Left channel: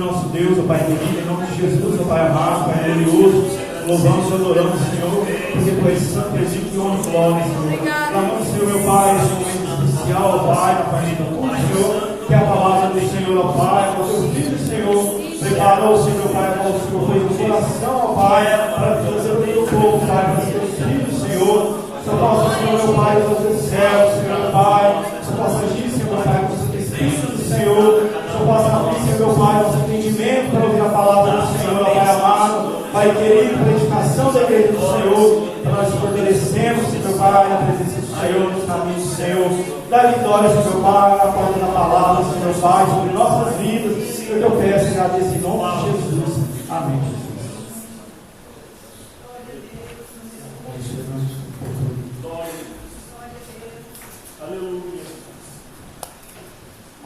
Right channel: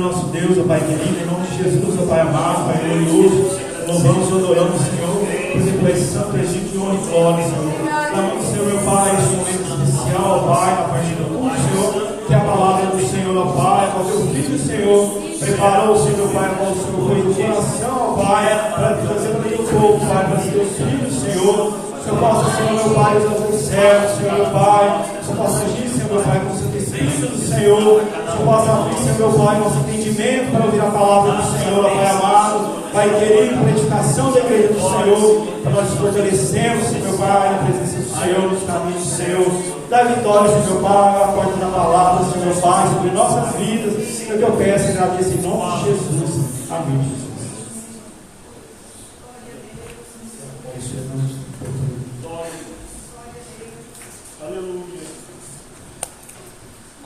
Senhor nosso Deus, ó Pai querido, em nome de Jesus, ó Pai amado, Pai glorioso, louvamos e adoramos, Senhor, porque tu és santo, Egito e honra e glória, Senhor. Clamamos, Senhor, meu Pai, esse momento especial, ó Pai, na parte do culto, Senhor, que a palavra do Senhor, ó Pai, ó teu filho, Senhor, preparou, Senhor, meu Pai, ó Senhor, foi de coração, ó Pai, para trazer para o teu povo, Pai, para os teus filhos, Senhor. Senhor, possa, Senhor, meu Pai, os teus céus, Senhor, meu Pai, Senhor, possa agir, Senhor, meu Pai, com o seu Espírito do Senhor, Senhor, possa abrir, Senhor, meu Pai, nosso entendimento para ouvir a palavra do Senhor, ó Pai amado, Pai querido, para a edificação da igreja do Senhor, para nós fortalecemos, Senhor, meu Pai, na presença do Senhor, nos caminhos do Senhor, da vitória, Senhor, meu Pai, a porta da palavra, Senhor, meu Pai, sobre nossas vidas, eu te peço, Senhor, agradeço em nome de Jesus, amém, Jesus.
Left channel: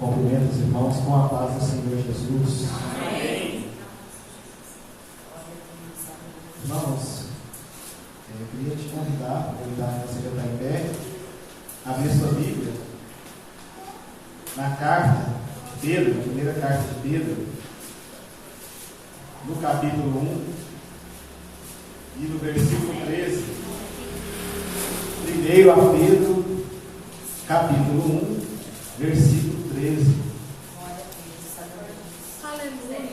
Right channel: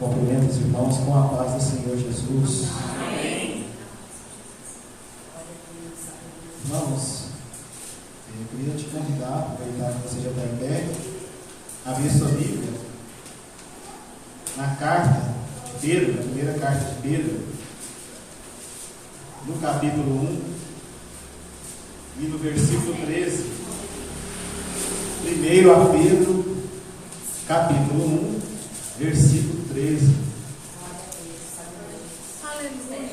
Cumprimento os irmãos com a paz do Senhor Jesus. Amém. Irmãos, eu queria te convidar, aproveitar que você já está em pé, a abrir sua Bíblia na carta de Pedro, na primeira carta de Pedro, no capítulo 1 e no versículo 13. Primeiro a Pedro, capítulo 1, versículo 13. Aleluia.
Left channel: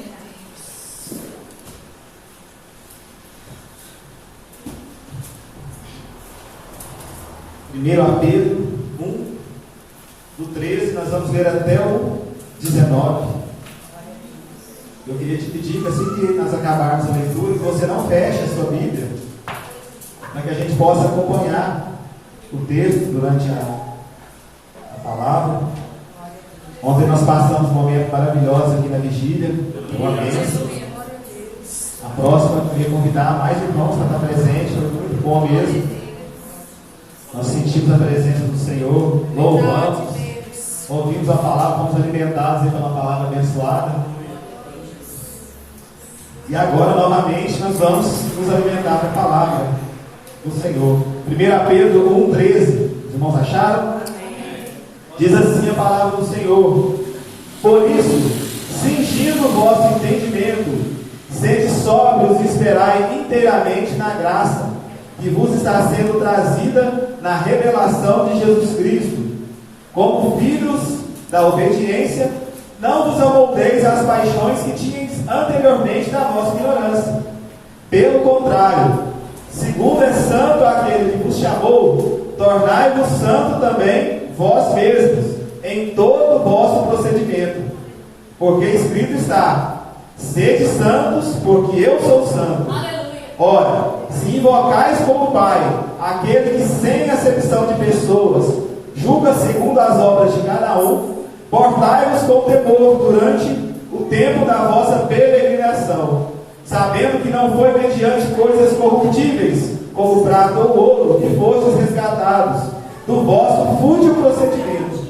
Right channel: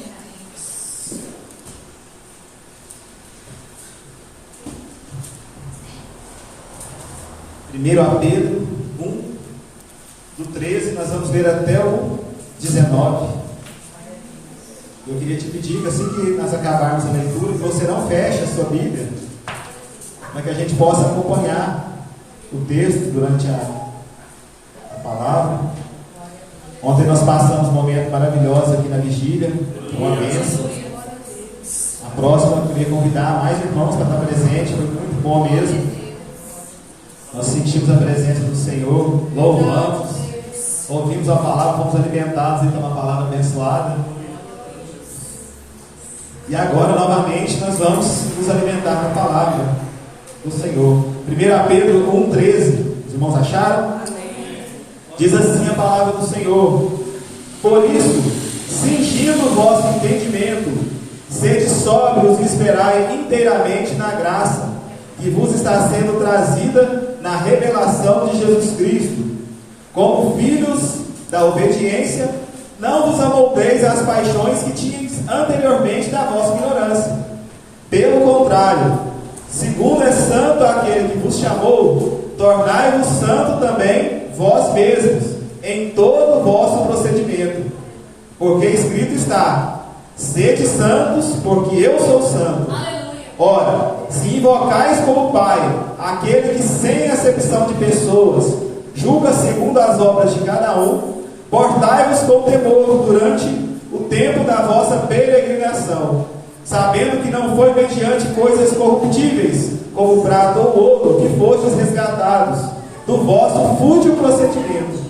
Primeiro a Pedro 1, do 13, nós vamos ler até o 19. Eu queria te pedir que assim que nós acabarmos a leitura, que você não feche a sua Bíblia, para que a gente possa acompanhar o texto durante a palavra. Ontem nós passamos um momento maravilhoso aqui na vigília, uma bênção. A próxima eu queria convidar mais irmãos para estar presente, foi muito bom mesmo. Nós sentimos a presença do Senhor, louvamos, ouvimos a palavra, fomos alimentados pela palavra abençoada. E agora, novamente, nós vamos nos alimentar da palavra do Senhor. 1 Pedro 1,13. Os irmãos acharam? Diz assim a palavra do Senhor: por isso, cingindo o vosso entendimento, sede sóbrios e esperai inteiramente na graça que vos está sendo trazida na revelação de Jesus Cristo. Como filhos da obediência, não vos amoldeis às paixões que tinhais anteriormente da vossa ignorância. Pelo contrário, segundo é santo aquele que vos chamou, tornai-vos santo também vós mesmos, em todo o vosso procedimento. Porque escrito está: sede santos, porque eu sou santo. Aleluia. Ora, se invocais como Pai aquele que sem acepção de pessoas julga segundo as obras de cada um, portai-vos com temor durante o tempo da vossa peregrinação, sabendo que não foi mediante coisas corruptíveis, como prata ou ouro, que fostes resgatados do vosso fútil procedimento,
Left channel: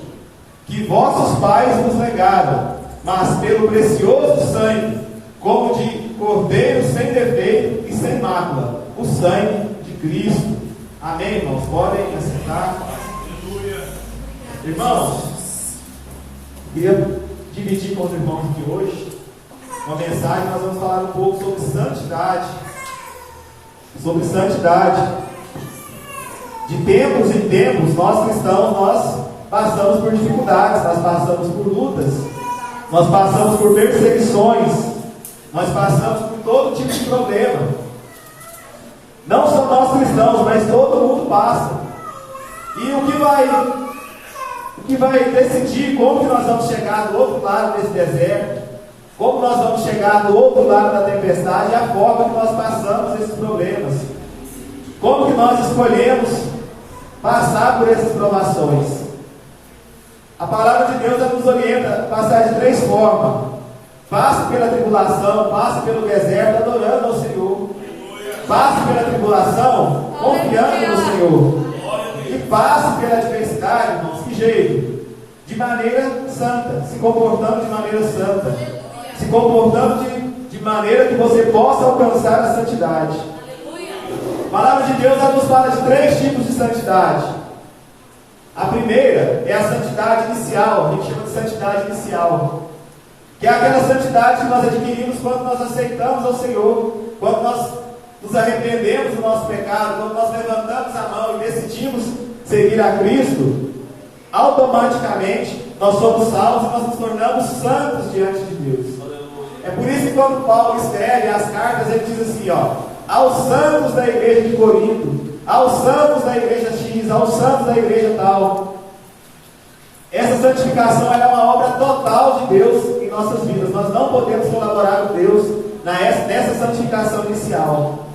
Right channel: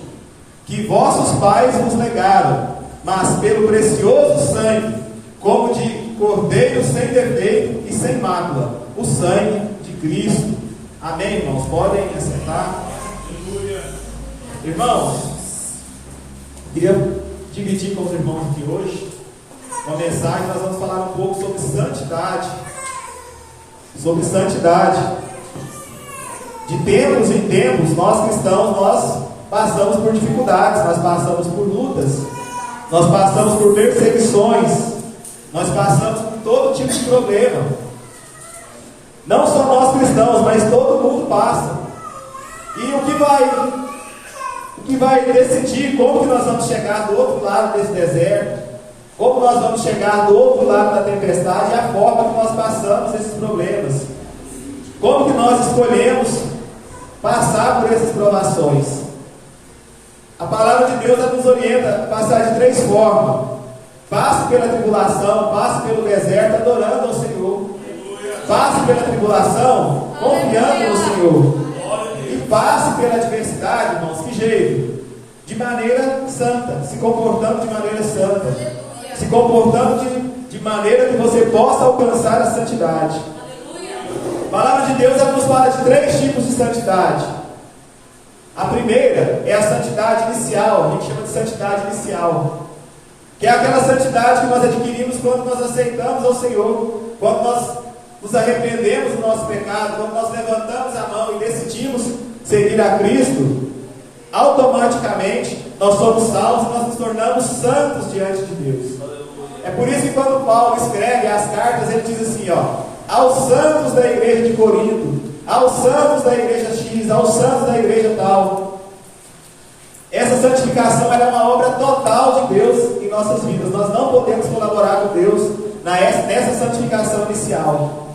que vossos pais vos legaram, mas pelo precioso sangue, como de cordeiro sem defeito e sem mácula, o sangue de Cristo. Amém, irmãos? Podem assentar. Irmãos, queria dividir com os irmãos aqui hoje uma mensagem. Nós vamos falar um pouco sobre santidade. Sobre santidade. De tempos em tempos, nós cristãos, nós passamos por dificuldades, nós passamos por lutas, nós passamos por perseguições, nós passamos por todo tipo de problema. Não só nós cristãos, mas todo mundo passa. E o que vai decidir como que nós vamos chegar do outro lado desse deserto, como nós vamos chegar do outro lado da tempestade, é a forma que nós passamos esses problemas. Como que nós escolhemos passar por essas provações? A palavra de Deus nos orienta a passar de 3 formas: passe pela tribulação, passe pelo deserto adorando ao Senhor, passe pela tribulação confiando no Senhor, e passe pela adversidade, irmãos, que jeito? De maneira santa, se comportando de maneira santa, se comportando de maneira que você possa alcançar a santidade. A palavra de Deus nos fala de 3 tipos de santidade. A primeira é a santidade inicial, a gente chama de santidade inicial, que é aquela santidade que nós adquirimos quando nós aceitamos ao Senhor, quando nós nos arrependemos do nosso pecado, quando nós levantamos a mão e decidimos seguir a Cristo. Automaticamente nós somos salvos e nós nos tornamos santos diante de Deus. É por isso que quando Paulo escreve as cartas, ele diz assim, aos santos da igreja de Corinto, aos santos da igreja X, aos santos da igreja tal. Essa santificação é uma obra total de Deus em nossas vidas. Nós não podemos colaborar com Deus nessa santificação inicial.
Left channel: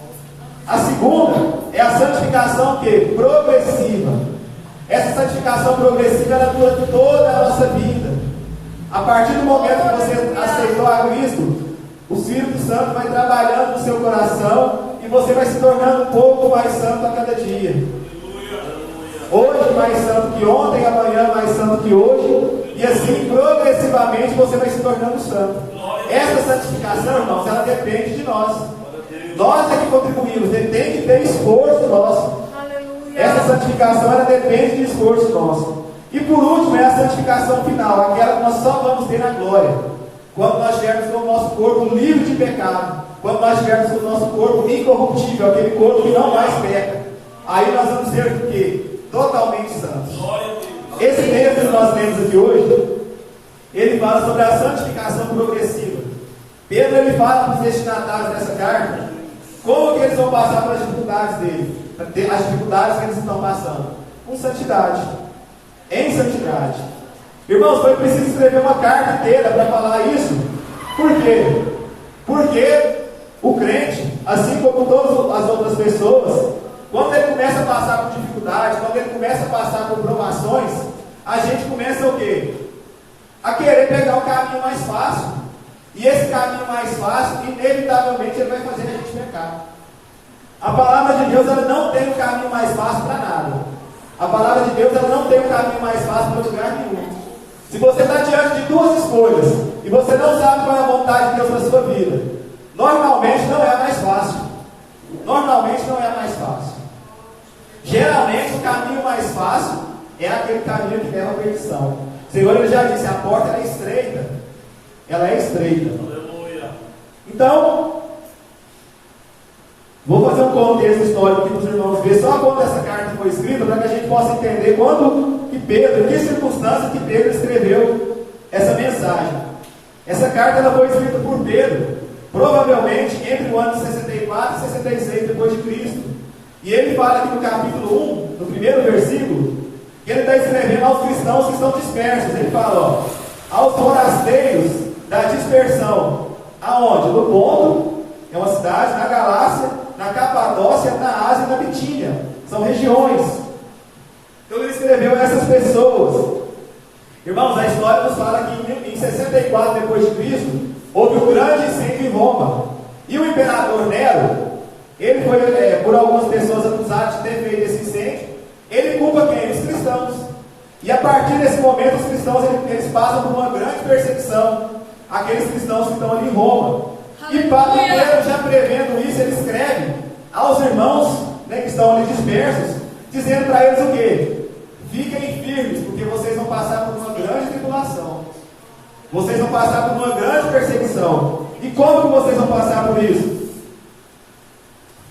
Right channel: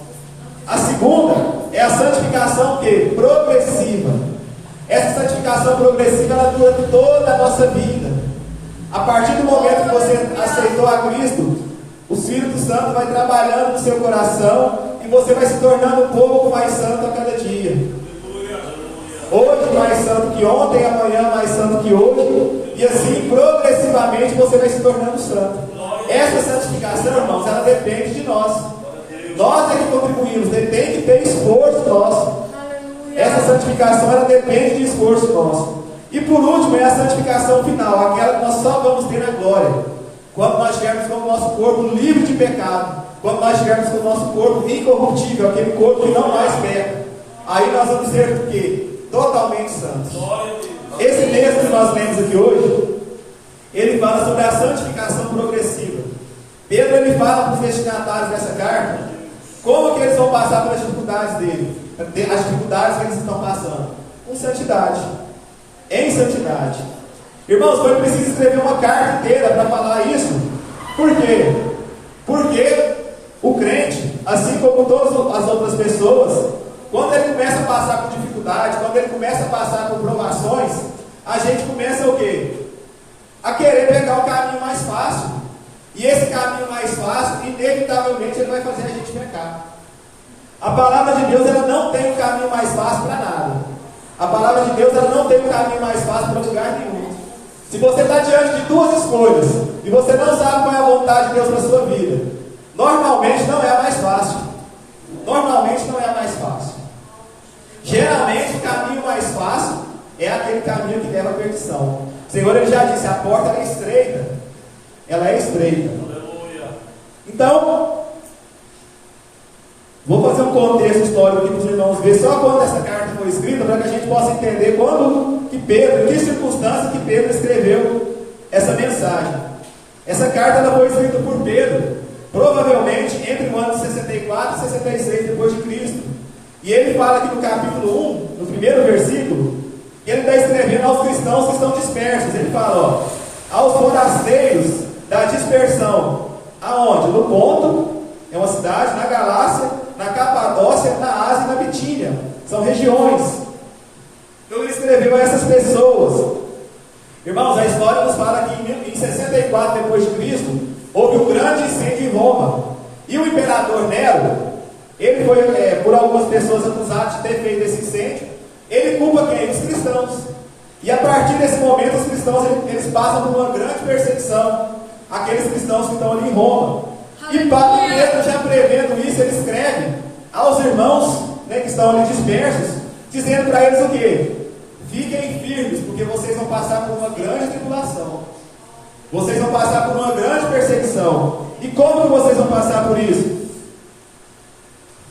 A segunda é a santificação progressiva. Essa santificação progressiva, ela dura toda a nossa vida. A partir do momento que você aceitou a Cristo, o Espírito Santo vai trabalhando no seu coração e você vai se tornando um pouco mais santo a cada dia. Hoje mais santo que ontem, amanhã mais santo que hoje, e assim progressivamente você vai se tornando santo. Essa santificação, irmãos, ela depende de nós. Nós é que contribuímos, tem que ter esforço nosso. Essa santificação, ela depende de esforço nosso. E por último, é a santificação final, aquela que nós só vamos ter na glória, quando nós estivermos com o nosso corpo livre de pecado, quando nós estivermos com o nosso corpo incorruptível, aquele corpo que não mais peca. Aí nós vamos ser o quê? Totalmente santos. Esse texto que nós lemos aqui hoje, ele fala sobre a santificação progressiva. Pedro, ele fala para os destinatários dessa carta como que eles vão passar pelas dificuldades dele, as dificuldades que eles estão passando, com santidade, em santidade. Irmãos, foi preciso escrever uma carta inteira para falar isso. Por quê? Porque o crente, assim como todas as outras pessoas, quando ele começa a passar por dificuldades, quando ele começa a passar por provações, a gente começa o quê? A querer pegar o caminho mais fácil. E esse caminho mais fácil, inevitavelmente, ele vai fazer a gente pecar. A palavra de Deus, ela não tem um caminho mais fácil para nada. A palavra de Deus, ela não tem um caminho mais fácil para lugar nenhum. Se você está diante de duas escolhas e você não sabe qual é a vontade de Deus na sua vida, normalmente não é a mais fácil. Normalmente não é a mais fácil. Geralmente o caminho mais fácil é aquele caminho que leva à perdição. O Senhor, ele já disse, a porta ela é estreita. Ela é estreita. Aleluia. Então, vou fazer um contexto histórico aqui para os irmãos ver só quando essa carta foi escrita, para que a gente possa entender quando que Pedro, em que circunstância que Pedro escreveu essa mensagem. Essa carta ela foi escrita por Pedro, provavelmente entre o ano 64 e 66 depois de Cristo. E ele fala aqui no capítulo 1, no primeiro versículo, que ele está escrevendo aos cristãos que estão dispersos. Ele fala, aos forasteiros da dispersão. Aonde? No Ponto, é uma cidade, na Galácia, na Capadócia, na Ásia e na Bitínia. São regiões. Então ele escreveu a essas pessoas. Irmãos, a história nos fala que em 64 depois de Cristo, houve um grande incêndio em Roma. E o imperador Nero, ele foi, por algumas pessoas acusado de ter feito esse incêndio, ele culpa quem? Os cristãos. E a partir desse momento, os cristãos eles passam por uma grande perseguição. Aqueles cristãos que estão ali em Roma. E Pedro, já prevendo isso, ele escreve aos irmãos, que estão ali dispersos, dizendo para eles o quê? Fiquem firmes, porque vocês vão passar por uma grande tribulação. Vocês vão passar por uma grande perseguição. E como que vocês vão passar por isso?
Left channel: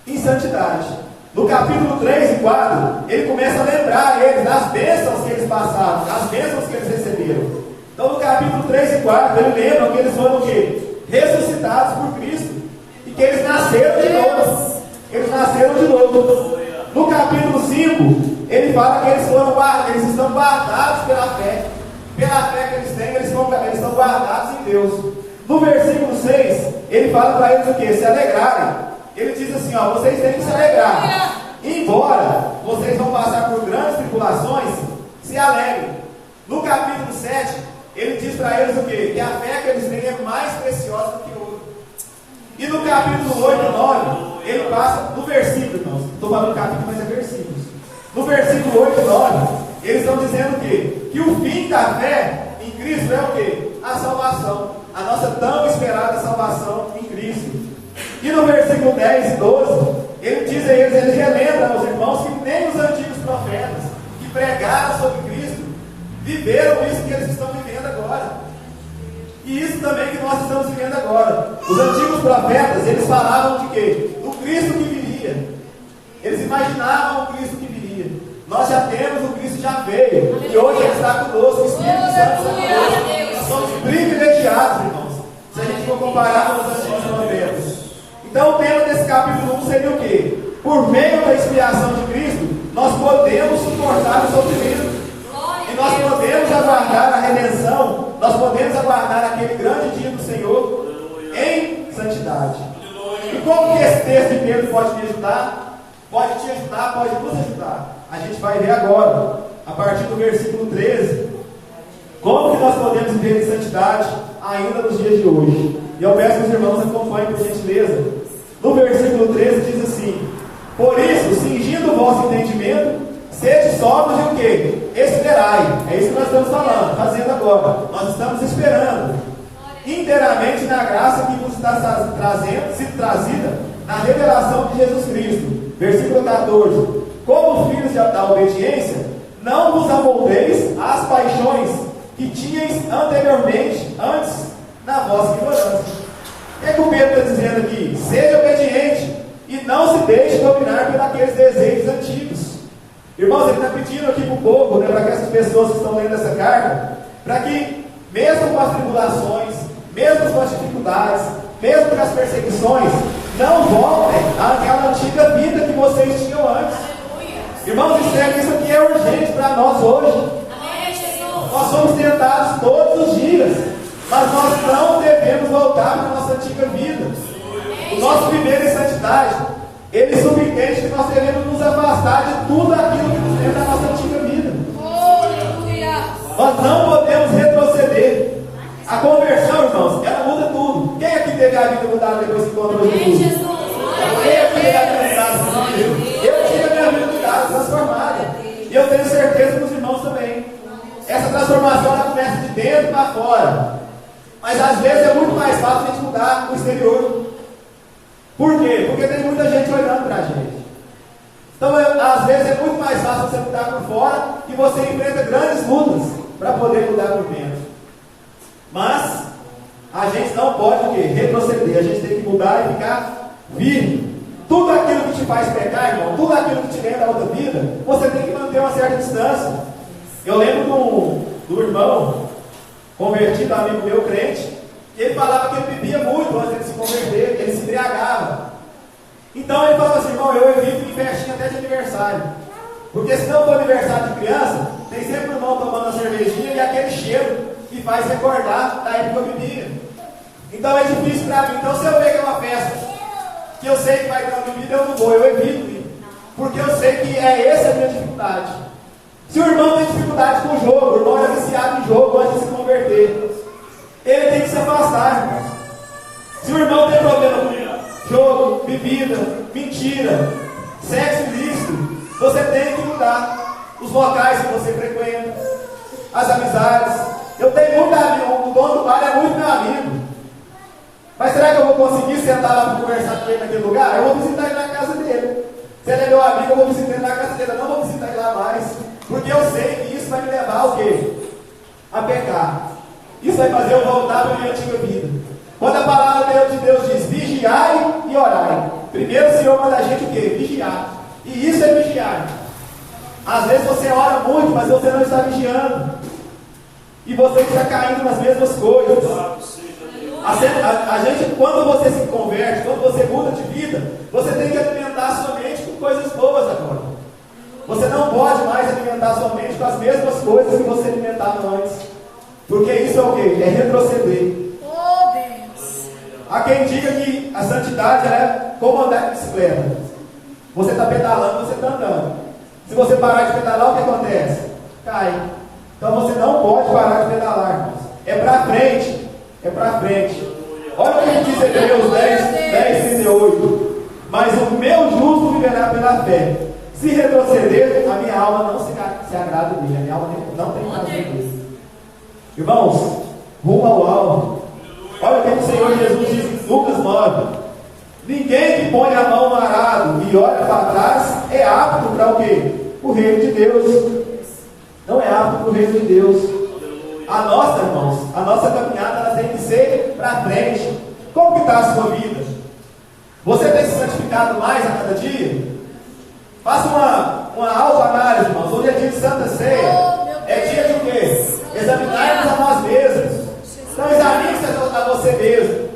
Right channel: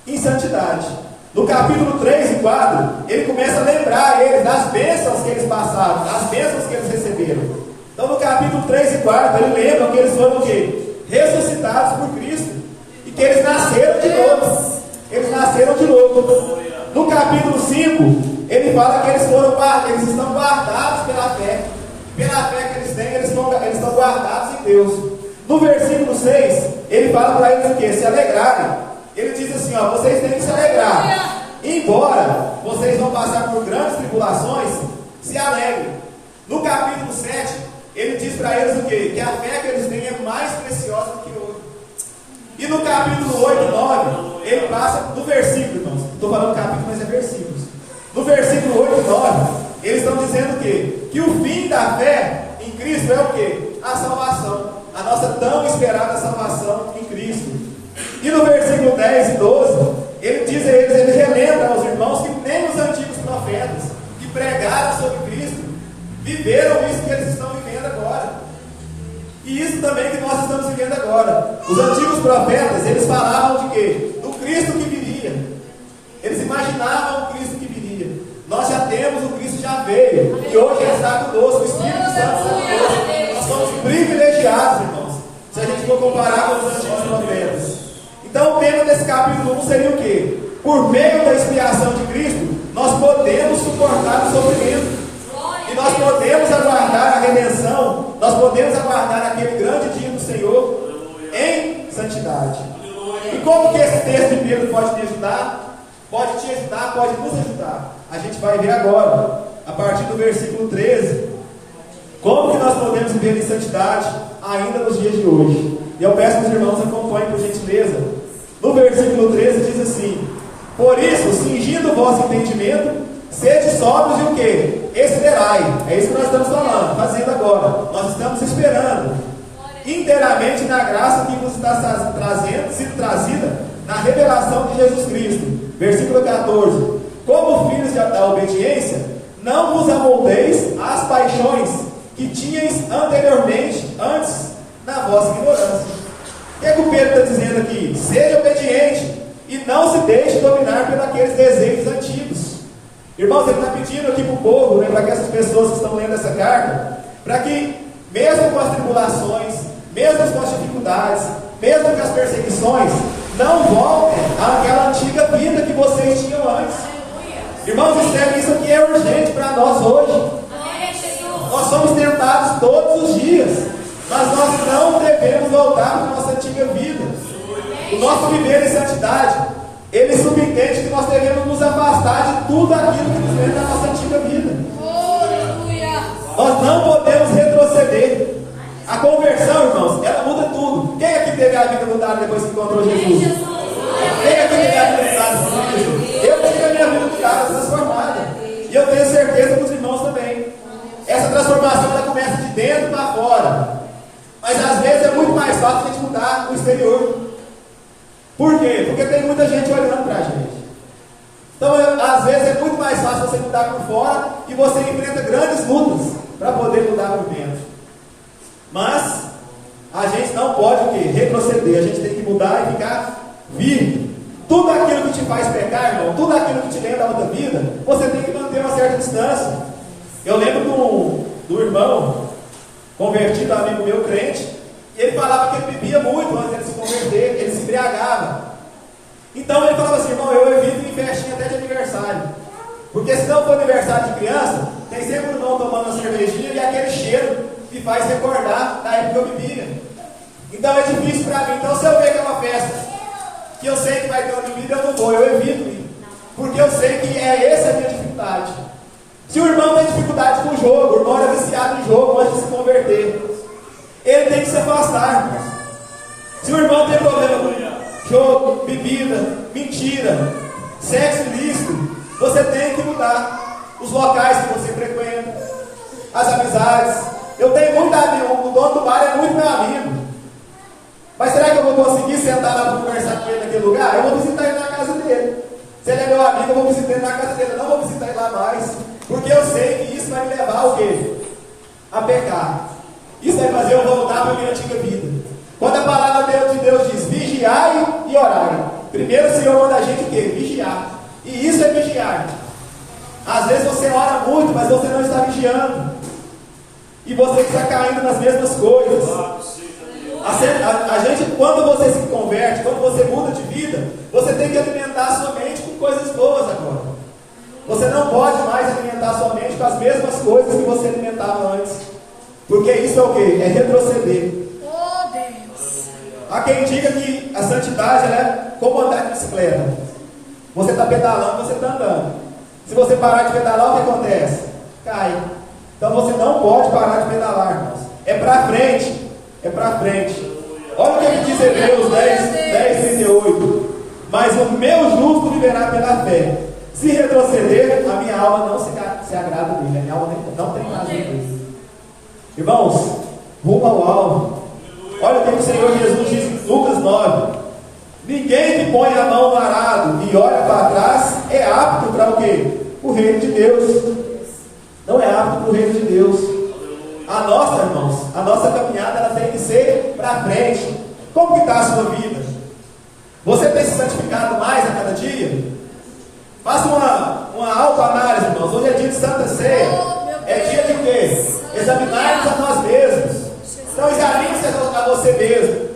Em santidade. No capítulo 3 e 4, ele começa a lembrar eles das bênçãos que eles passaram, das bênçãos que eles receberam. Então no capítulo 3 e 4, ele lembra que eles foram o quê? Ressuscitados por Cristo. E que eles nasceram de novo. Eles nasceram de novo. No capítulo 5, ele fala que eles estão guardados pela fé. Pela fé que eles têm, eles estão guardados em Deus. No versículo 6, ele fala para eles o quê? Se alegrarem. Ele diz assim, vocês têm que se alegrar. Embora vocês vão passar por grandes tribulações, se alegrem. No capítulo 7, ele diz para eles o quê? Que a fé que eles têm é mais preciosa do que ouro. E no capítulo 8 e 9, ele passa no versículo, irmãos. Estou falando capítulo, mas é versículos. No versículo 8 e 9, eles estão dizendo o quê? Que o fim da fé em Cristo é o quê? A salvação. A nossa tão esperada salvação em Cristo. E no versículo 10 e 12, ele diz a eles, ele relembra aos irmãos que nem os antigos profetas que pregaram sobre Cristo viveram isso que eles estão vivendo agora. E isso também que nós estamos vivendo agora. Os antigos profetas, eles falavam de quê? Do Cristo que viria. Eles imaginavam o Cristo que viria. Nós já temos, o Cristo já veio. E hoje Ele está conosco, o Espírito Santo está conosco. Nós somos privilegiados, irmãos, se a gente for comparar com os antigos profetas. Então o tema desse capítulo 1 seria o quê? Por meio da expiação de Cristo, nós podemos suportar o sofrimento. E nós podemos aguardar a redenção. Nós podemos aguardar aquele grande dia do Senhor em santidade. E como que esse texto de Pedro pode me ajudar? Pode te ajudar, pode nos ajudar. A gente vai ver agora, a partir do versículo 13, como que nós podemos viver em santidade ainda nos dias de hoje. E eu peço que os irmãos acompanhem por gentileza. No versículo 13 diz assim: por isso, cingindo o vosso entendimento, sede sóbrios e o quê? Esperai. É isso que nós estamos falando, fazendo agora. Nós estamos esperando inteiramente na graça que vos está sido trazida na revelação de Jesus Cristo. Versículo 14: como filhos da obediência, não vos amoldeis às paixões que tinhais anteriormente, antes, na vossa ignorância. O que é que o Pedro está dizendo aqui? Seja obediente e não se deixe dominar pelos aqueles desejos antigos. Irmãos, ele está pedindo aqui para o povo, né, para que essas pessoas que estão lendo essa carta, para que, mesmo com as tribulações, mesmo com as dificuldades, mesmo com as perseguições, não voltem àquela antiga vida que vocês tinham antes. Irmãos, isso aqui é urgente para nós hoje. Nós somos tentados todos os dias, mas nós não devemos voltar para a nossa antiga vida. O nosso viver em santidade, ele subentende que nós devemos nos afastar de tudo aquilo que nos lembra da nossa antiga vida. Nós não podemos retroceder. A conversão, irmãos, ela muda tudo. Quem aqui teve a vida mudada depois que encontrou Jesus? Quem aqui teve a vida mudada depois de Jesus? Eu tive a minha vida mudada, transformada. E eu tenho certeza que os irmãos também. Essa transformação ela começa de dentro para fora. Mas às vezes é muito mais fácil a gente mudar no exterior. Por quê? Porque tem muita gente olhando para a gente. Então, às vezes é muito mais fácil você mudar por fora e você enfrenta grandes lutas para poder mudar por dentro. Mas a gente não pode o quê? Retroceder. A gente tem que mudar e ficar firme. Tudo aquilo que te faz pecar, irmão, tudo aquilo que te lembra da outra vida, você tem que manter uma certa distância. Eu lembro do irmão convertido, amigo meu, crente. E ele falava que ele bebia muito antes de se converter, ele se embriagava. Então ele falava assim: irmão, eu evito ir em festinha até de aniversário. Porque se não for aniversário de criança, tem sempre o irmão tomando uma cervejinha e aquele cheiro que faz recordar da época que eu bebia. Então é difícil para mim. Então se eu ver que é uma festa que eu sei que vai ter uma bebida, eu não vou, eu evito ir. Porque eu sei que essa a minha dificuldade. Se o irmão tem dificuldade com o jogo, o irmão é viciado em jogo antes de se converter, ele tem que se afastar, irmão. Se o irmão tem problema com jogo, bebida, mentira, sexo ilícito, você tem que mudar os locais que você frequenta, as amizades. Eu tenho muito amigo, o dono do bar é muito meu amigo. Mas será que eu vou conseguir sentar lá para conversar com ele naquele lugar? Eu vou visitar ele na casa dele. Se ele é meu amigo, eu vou visitar ele na casa dele. Eu não vou visitar ele lá mais. Porque eu sei que isso vai me levar ao quê? A pecar. Isso vai fazer eu voltar para a minha antiga vida. Quando a palavra de Deus diz vigiai e orai, primeiro o Senhor manda a gente o quê? Vigiar. E isso é vigiar. Às vezes você ora muito, mas você não está vigiando. E você está caindo nas mesmas coisas. A gente, quando você se converte, quando você muda de vida, você tem que alimentar a sua mente com coisas boas agora. Você não pode mais alimentar a sua mente com as mesmas coisas que você alimentava antes. Porque isso é o quê? É retroceder. Oh, Deus. Há quem diga que a santidade é como andar de bicicleta. Você está pedalando, você está andando. Se você parar de pedalar, o que acontece? Cai. Então você não pode parar de pedalar, irmãos. É para frente. É para frente. Olha o que diz Hebreus 10:38. Mas o meu justo viverá pela fé. Se retroceder, a minha alma não se agrada dele. A minha alma não tem prazer dele. Irmãos, rumo ao alvo. Olha o que o Senhor Jesus diz em Lucas 9. Ninguém que põe a mão no arado e olha para trás é apto para o quê? O reino de Deus. Não é apto para o reino de Deus. A nossa, irmãos, a nossa caminhada ela tem que ser para frente. Como que está a sua vida? Você tem se santificado mais a cada dia? Faça uma autoanálise, irmãos. Hoje é dia de Santa Ceia. É dia de quê? Examinar-nos a nós mesmos. Então examine-se a você mesmo.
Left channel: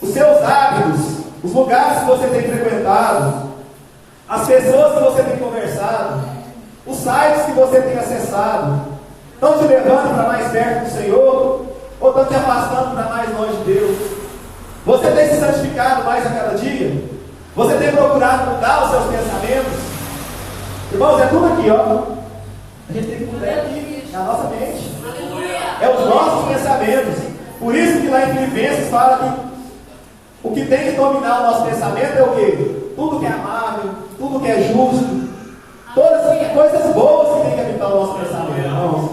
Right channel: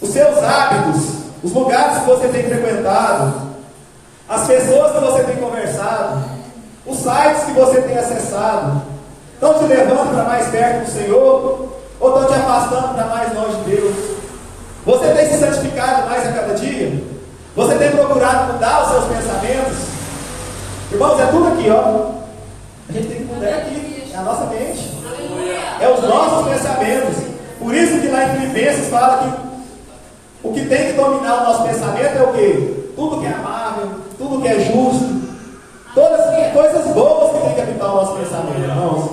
Os seus hábitos, os lugares que você tem frequentado, as pessoas que você tem conversado, os sites que você tem acessado, estão te levando para mais perto do Senhor ou estão te afastando para mais longe de Deus? Você tem se santificado mais a cada dia? Você tem procurado mudar os seus pensamentos? Irmãos, é tudo aqui, ó. A gente tem que mudar aqui, na nossa mente. É os nossos pensamentos. Por isso que lá em Filipenses fala que o que tem que dominar o nosso pensamento é o quê? Tudo que é amável, tudo que é justo, todas as coisas boas que tem que habitar o nosso pensamento, irmãos.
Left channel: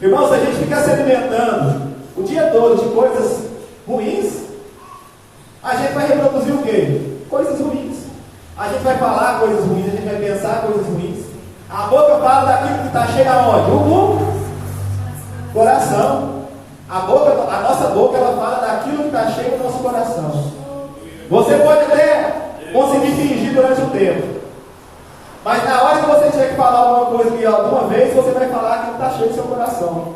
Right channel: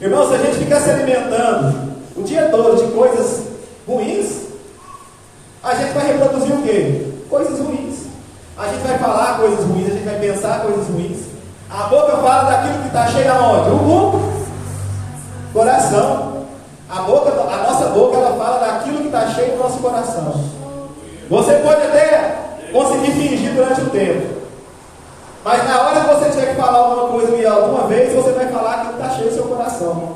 Irmãos, se a gente ficar se alimentando o dia todo de coisas ruins, a gente vai reproduzir o quê? Coisas ruins. A gente vai falar coisas ruins, a gente vai pensar coisas ruins. A boca fala daquilo que está cheio aonde? O coração. A nossa boca, ela fala daquilo que está cheio no nosso coração. Você pode até conseguir fingir durante o tempo, mas na hora que você tiver que falar alguma coisa ali alguma vez, você vai falar aquilo que está cheio do seu coração.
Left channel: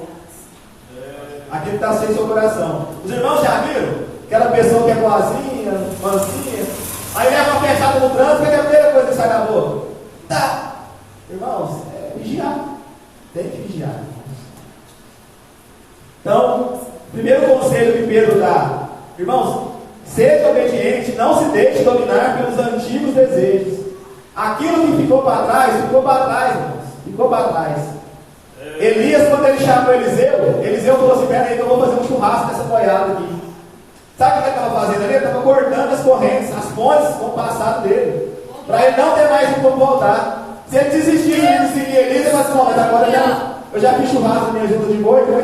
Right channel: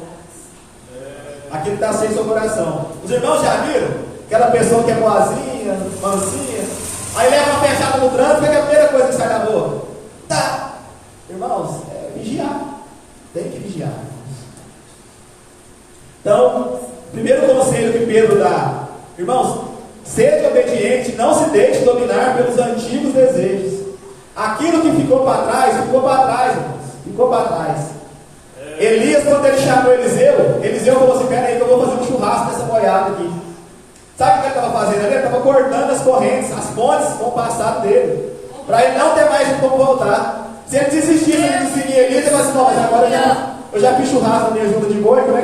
Aquilo que está cheio do seu coração. Os irmãos já viram? Aquela pessoa que é boazinha, mansinha, aí leva uma fechada no trânsito, é a primeira coisa que sai da boca. Tá. Irmãos, é vigiar. Tem que vigiar. Então, primeiro conselho que Pedro dá: irmãos, seja obediente, não se deixe dominar pelos antigos desejos. Aquilo que ficou para trás, irmãos. Ficou para trás. Elias, quando ele chamou Eliseu falou assim: pera aí que eu vou fazer um churrasco dessa boiada aqui. Sabe o que ele estava fazendo ali? Ele estava cortando as correntes, as pontes com o passado dele, para ele não ter mais de como voltar. Se ele desistir de seguir Elias, ele vai assim: não, mas agora eu já fiz churrasco na minha junta de boi, como é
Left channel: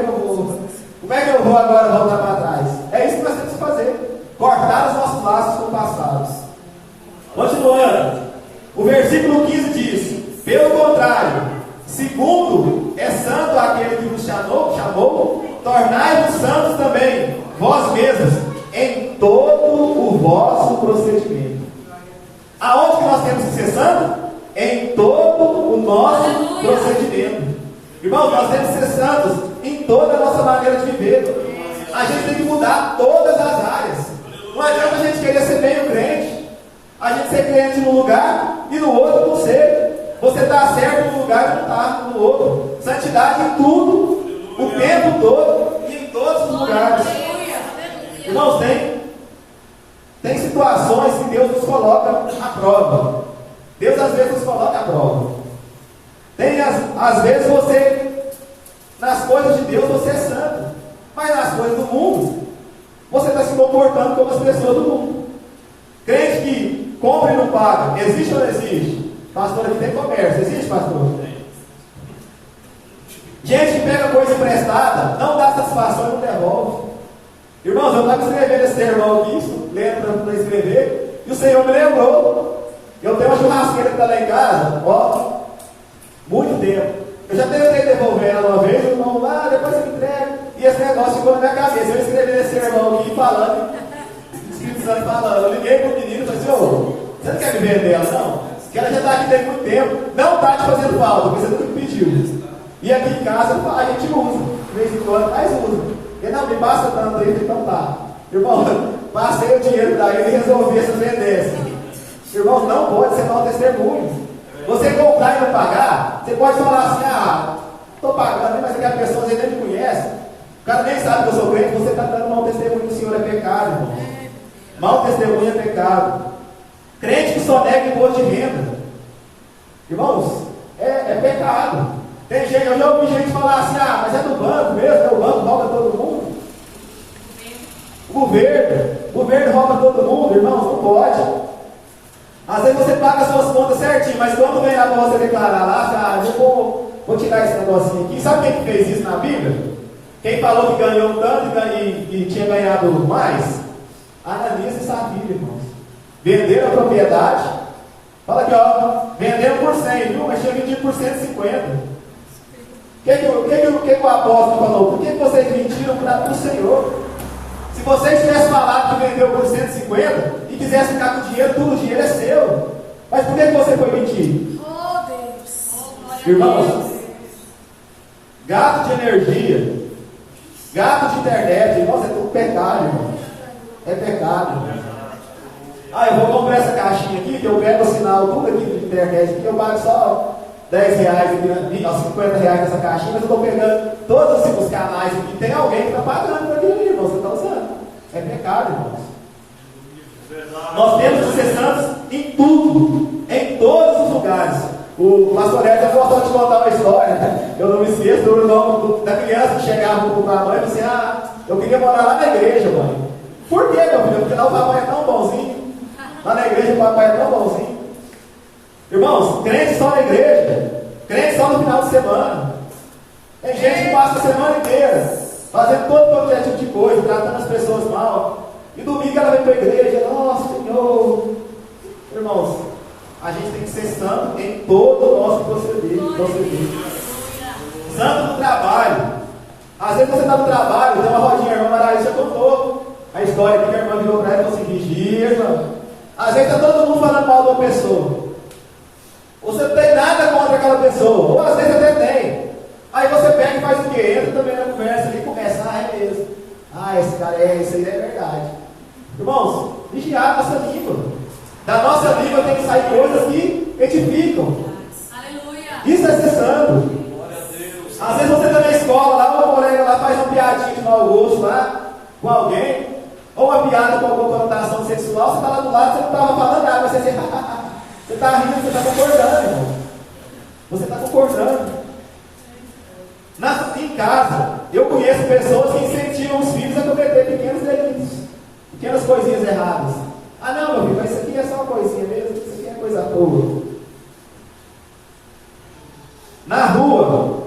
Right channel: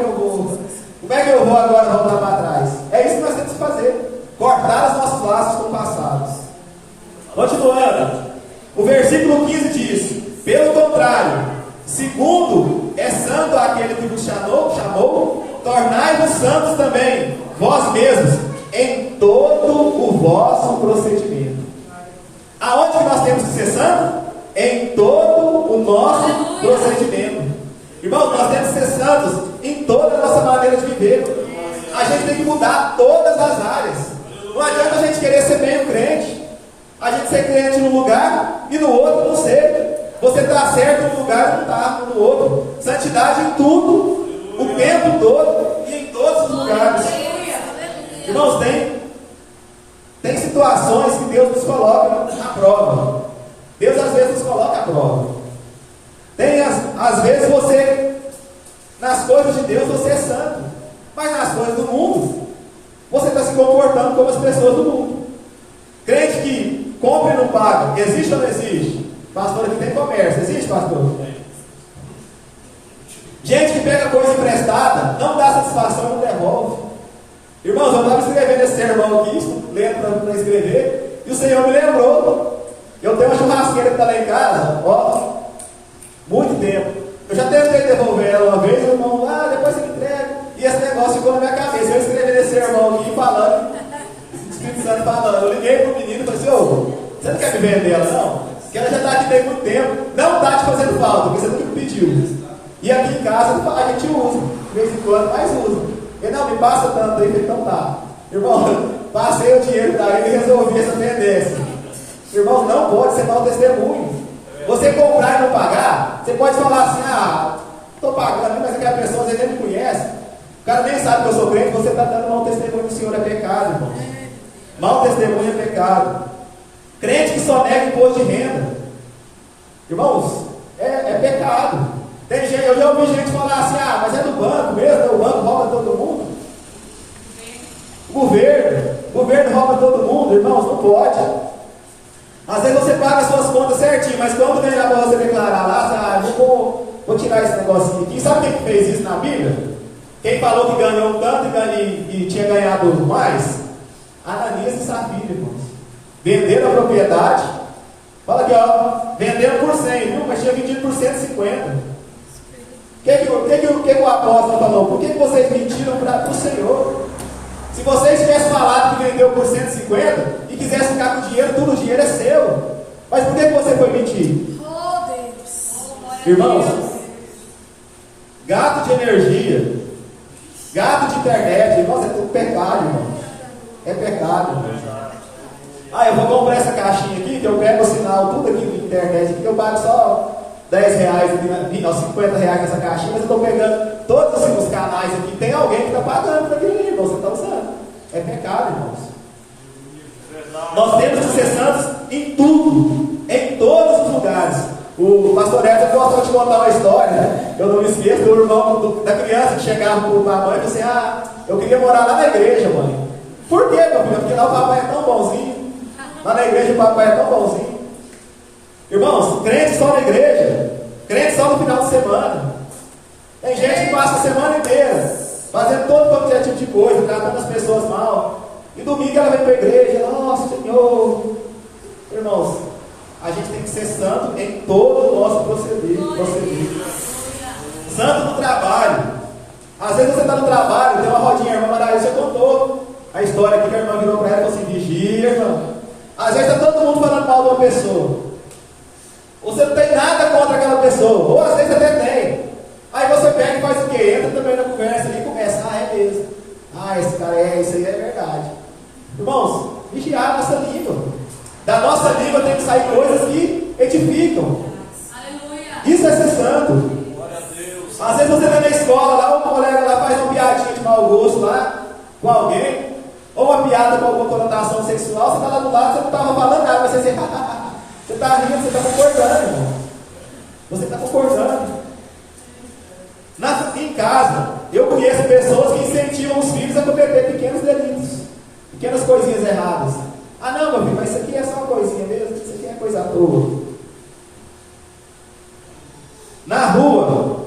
que eu vou agora voltar para trás? É isso que nós temos que fazer: cortar os nossos laços com o passado. Continuando, o versículo 15 diz: pelo contrário, segundo é santo aquele que vos chamou, tornai-vos santos também, vós mesmos, em todo o vosso procedimento. Aonde que nós temos que ser santos? Em todo o nosso procedimento. Irmãos, nós temos que ser santos em toda a nossa maneira de viver. A gente tem que mudar todas as áreas. Não adianta a gente querer ser meio crente, a gente ser crente num lugar e no outro não ser. Você está certo num lugar e não está no outro. Santidade em tudo, o tempo todo e em todos os lugares. Irmãos, tem situações que Deus nos coloca à prova. Deus às vezes nos coloca à prova. Às vezes você, nas coisas de Deus, você é santo, mas nas coisas do mundo, você está se comportando como as pessoas do mundo. Crente que compra e não paga, existe ou não existe? Pastor, aqui tem comércio, existe, pastor? Gente que pega coisa emprestada, não dá satisfação, não devolve. Irmãos, eu estava escrevendo esse sermão aqui, lendo para escrever, e o Senhor me lembrou. Eu tenho uma churrasqueira que está lá em casa, ó, muito tempo. Eu já tentei devolver ela uma vez, o irmão, depois você me entrega. E esse negócio ficou na minha cabeça. Eu escrevi esse sermão aqui falando, o Espírito Santo falando. Eu liguei para o menino e falei assim: você não quer me vender ela, não? Porque ela já está aqui tem muito tempo, não está te fazendo falta, porque você nunca me pediu. E aqui em casa a gente usa, de vez em quando, mas usa. Ele não me passa tanto aí, então tá. Irmão, passei o dinheiro para ele e resolvi essa pendência. Irmão, não pode ser mau testemunho. Você comprar e não pagar, você pode falar assim: estou pagando, mas aquela pessoa às vezes nem me conhece. O cara nem sabe que eu sou crente, você está dando mau testemunho do Senhor, é pecado, irmão. Mau testemunho é pecado. Crente que só nega imposto de renda, irmãos, é pecado. Tem gente, eu já ouvi gente falar assim: mas é do banco mesmo, o banco rouba todo mundo. O governo rouba todo mundo, irmãos, não pode. Às vezes você paga as suas contas certinho, mas quando ganhar para você declarar lá, você, vou tirar esse negocinho aqui. Sabe quem fez isso na Bíblia? Quem falou que ganhou tanto e tinha ganhado mais? Ananias e Safira, irmãos. Venderam a propriedade. Fala aqui, venderam por 100, viu? Mas tinha vendido por 150. que o apóstolo falou? Por que vocês mentiram para o Senhor? Se vocês tivessem falado que vendeu por 150 e quisesse ficar com o dinheiro, tudo o dinheiro é seu. Mas por que você foi mentir? Oh, Deus. Irmãos, gasto de energia, gasto de internet, irmãos, é tudo pecado, irmãos. É pecado. Eu vou comprar essa caixinha aqui, que eu pego o sinal, tudo aqui de internet, que eu pago só 10 reais, 50 reais nessa caixinha, mas eu estou pegando todos os canais aqui. Tem alguém que está pagando para aquilo, irmão, você está usando. É pecado, irmãos. Nós temos que ser santos em tudo, em todos os lugares. O pastor Edson gostou de contar uma história, eu não me esqueço do irmão da criança que chegava para a mãe e disse: eu queria morar lá na igreja, mãe. Por quê, meu filho? Porque lá o papai é tão bonzinho. Lá na igreja o papai é tão bonzinho. Irmãos, crentes só na igreja, crentes só no final de semana. Tem gente que passa a semana inteira fazendo todo tipo de coisa, tratando as pessoas mal. E domingo ela vem para a igreja: nossa, Senhor. Irmãos, a gente tem que ser santo em todo o nosso proceder. Santo no trabalho. Às vezes você está no trabalho, tem uma rodinha, a irmã Maraísa contou a história aqui que a irmã virou para ela e falou assim: vigia, irmã. Às vezes está todo mundo falando mal de uma pessoa. Você não tem nada contra aquela pessoa, ou às vezes até tem. Aí você pega e faz o quê? Entra também na conversa e começa: é mesmo. Esse cara isso aí é verdade. Irmãos, vigiar a nossa língua. Da nossa língua tem que sair coisas que edificam. Aleluia. Isso é ser santo. Às vezes você está na escola, lá um colega lá faz uma piadinha de mau gosto lá com alguém, ou uma piada com alguma conotação sexual, você está lá do lado, você não estava falando nada, você diz: você está rindo, você está concordando, irmão. Você está concordando. Em casa, eu conheço pessoas que incentivam os filhos a cometer pequenos delitos, pequenas coisinhas erradas. Não, meu filho, mas isso aqui é só uma coisinha mesmo, isso aqui é coisa à toa. Na rua,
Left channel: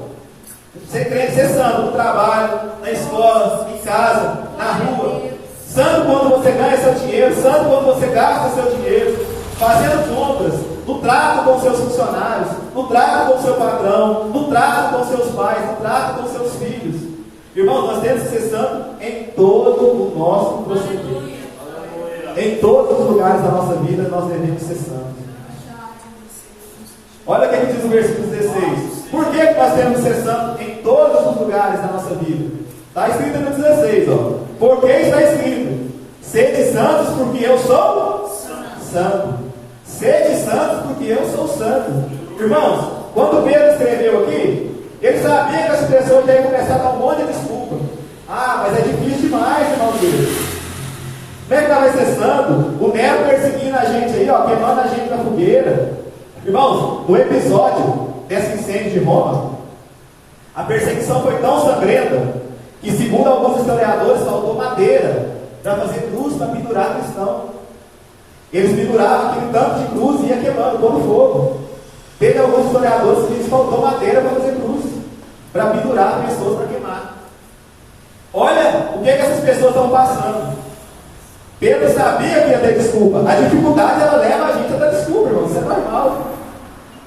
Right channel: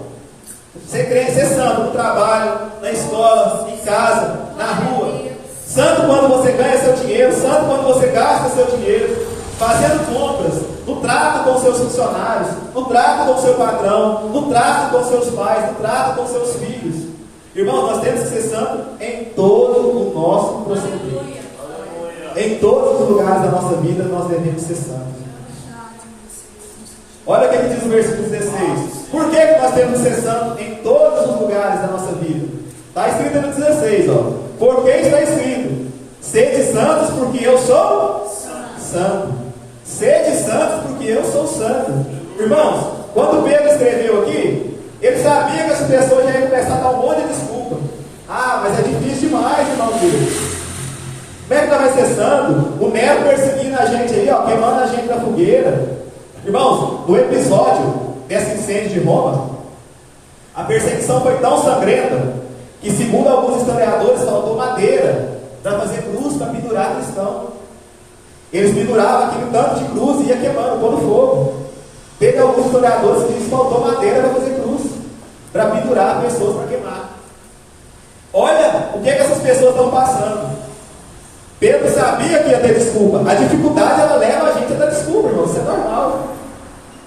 ser santo no trabalho, na escola, em casa, na rua. Santo quando você ganha seu dinheiro, santo quando você gasta seu dinheiro, fazendo compras, no trato com seus funcionários, no trato com seu patrão, no trato com seus pais, no trato com seus filhos. Irmãos, nós temos que ser santos em todo o nosso procedimento. Em todos os lugares da nossa vida nós devemos ser santos. Olha o que diz o versículo 16. Por que nós temos que ser santos em todos os lugares da nossa vida? Está escrito no 16, Porque está escrito: sede santos porque eu sou santo. Sede santos porque eu sou santo. Irmãos, quando Pedro escreveu aqui, ele sabia que as pessoas já iam começar a dar um monte de desculpa. Mas é difícil demais, irmão Deus. Como é que nós vai ser santo? O Nero perseguindo a gente aí, queimando a gente na fogueira. Irmãos, no episódio desse incêndio de Roma, a perseguição foi tão sangrenta que, segundo alguns historiadores, faltou madeira para fazer cruz, para pendurar cristão. Eles penduravam aquele tanto de cruz e ia queimando como fogo. Teve alguns historiadores que dizem que faltou madeira para fazer cruz, para pendurar pessoas para queimar. Olha o que essas pessoas estão passando. Pedro sabia que ia ter desculpa. A dificuldade, ela leva a gente a dar desculpa, irmão. Isso é normal.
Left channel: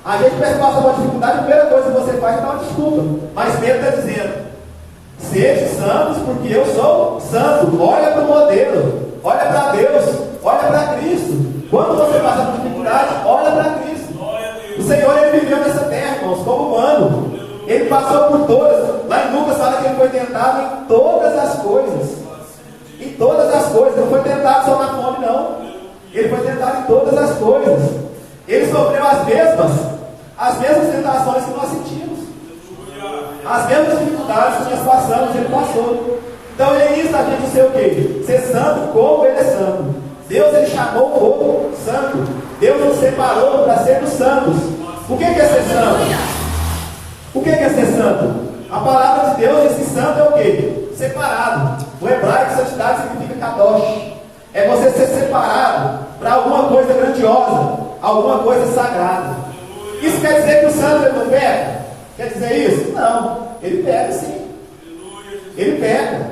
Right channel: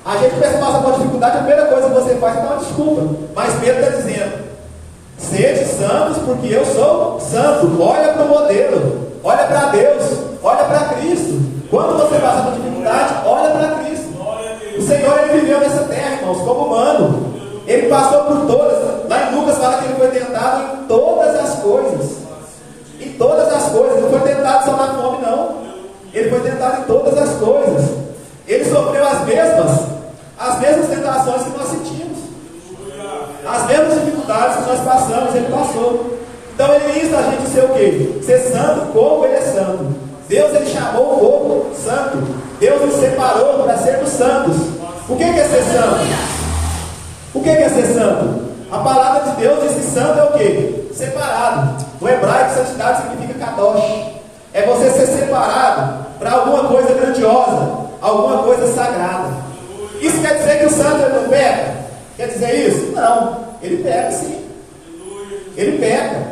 A gente passa por uma dificuldade, a primeira coisa que você faz é dar uma desculpa. Mas Pedro está dizendo: sede santos porque eu sou santo. Olha para o modelo, olha para Deus, olha para Cristo. Quando você passa por dificuldade, olha para Cristo. O Senhor, Ele viveu nessa terra, irmãos, como humano. Ele passou por todas. Lá em Lucas fala que Ele foi tentado em todas as coisas. Em todas as coisas. Não foi tentado só na fome, não. Ele foi tentado em todas as coisas. Ele sofreu as mesmas tentações que nós sentimos. As mesmas dificuldades que nós passamos, Ele passou. Então Ele insta a gente a ser o quê? Ser santo como Ele é santo. Deus, Ele chamou o povo santo. Deus nos separou para sermos santos. O que é ser santo? O que é ser santo? A palavra de Deus, esse santo é o quê? Separado. No hebraico, santidade significa kadosh. É você ser separado para alguma coisa grandiosa, alguma coisa sagrada. Isso quer dizer que o santo ele não peca? Quer dizer isso? Não. Ele peca sim. Ele peca.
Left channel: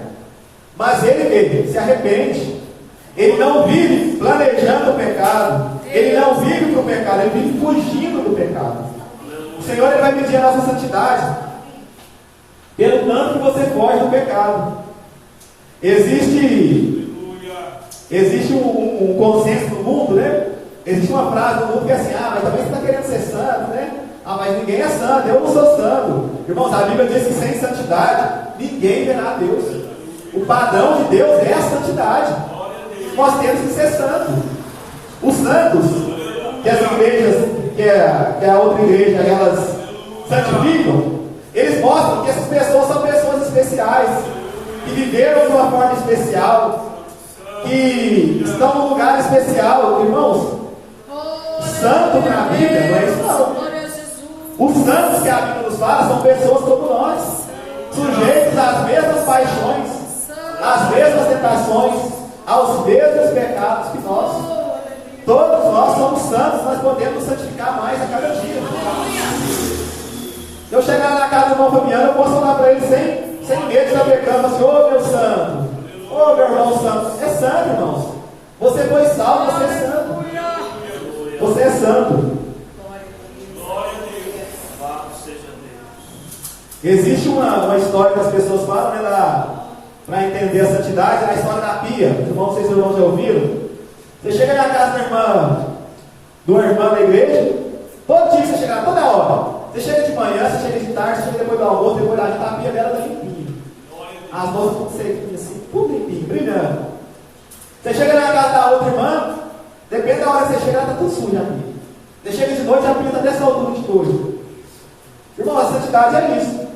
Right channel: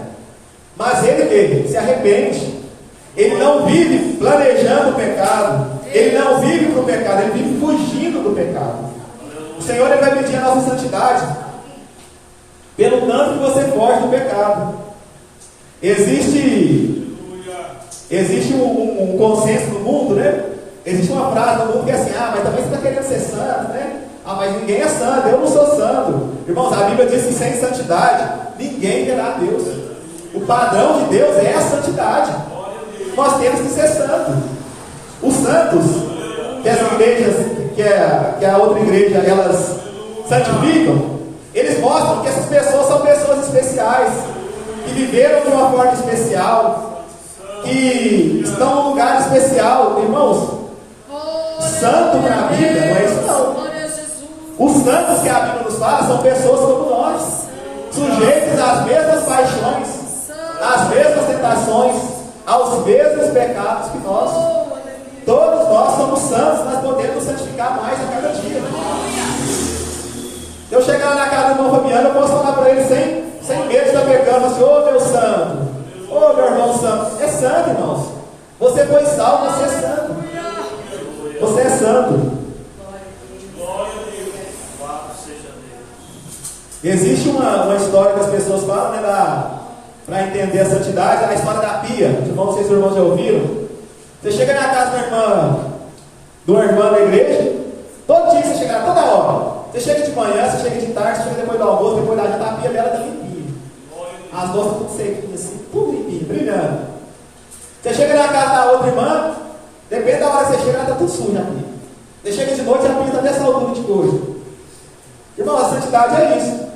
Mas ele se arrepende. Ele não vive planejando o pecado. Ele não vive para o pecado. Ele vive fugindo do pecado. O Senhor, Ele vai pedir a nossa santidade. pelo tanto que você foge do pecado. Existe um consenso no mundo, né? Existe uma frase no mundo que é assim: mas também você está querendo ser santo, né? Mas ninguém é santo, eu não sou santo. Irmãos, a Bíblia diz que sem santidade ninguém verá Deus. O padrão de Deus é a santidade. Nós temos que ser santos. Os santos, que as igrejas, que a outra igreja, elas santificam, eles mostram que essas pessoas são pessoas especiais, que viveram de uma forma especial, que estão num lugar especial. Irmãos, santo na Bíblia não é isso não. Os santos que a Bíblia nos fala são pessoas como nós, sujeitos às mesmas paixões, às mesmas tentações, aos mesmos pecados que nós. Todos nós somos santos, nós podemos nos santificar mais a cada dia. Se eu chegar na casa do irmão Fabiano, eu posso falar para ele sem medo de estar pecando, assim: ô meu santo, ô meu irmão santo. É santo, irmãos. Você foi salvo, você é santo. Você é santo. Existe uma história que as pessoas falam, né, para entender a santidade, a história da pia. Não sei se os irmãos já ouviram. Você chega na casa de uma irmã da igreja, todo dia você chega, toda hora. Você chega de manhã, você chega de tarde, você chega depois do almoço, depois da janta, a pia dela está limpinha. As louças tudo secas, assim, tudo limpinho, brilhando. Você chega na casa da outra irmã, depende da hora que você chega, ela está tudo suja aqui. Você chega de noite, a pia está dessa altura de coisa. Irmão, a santidade é isso.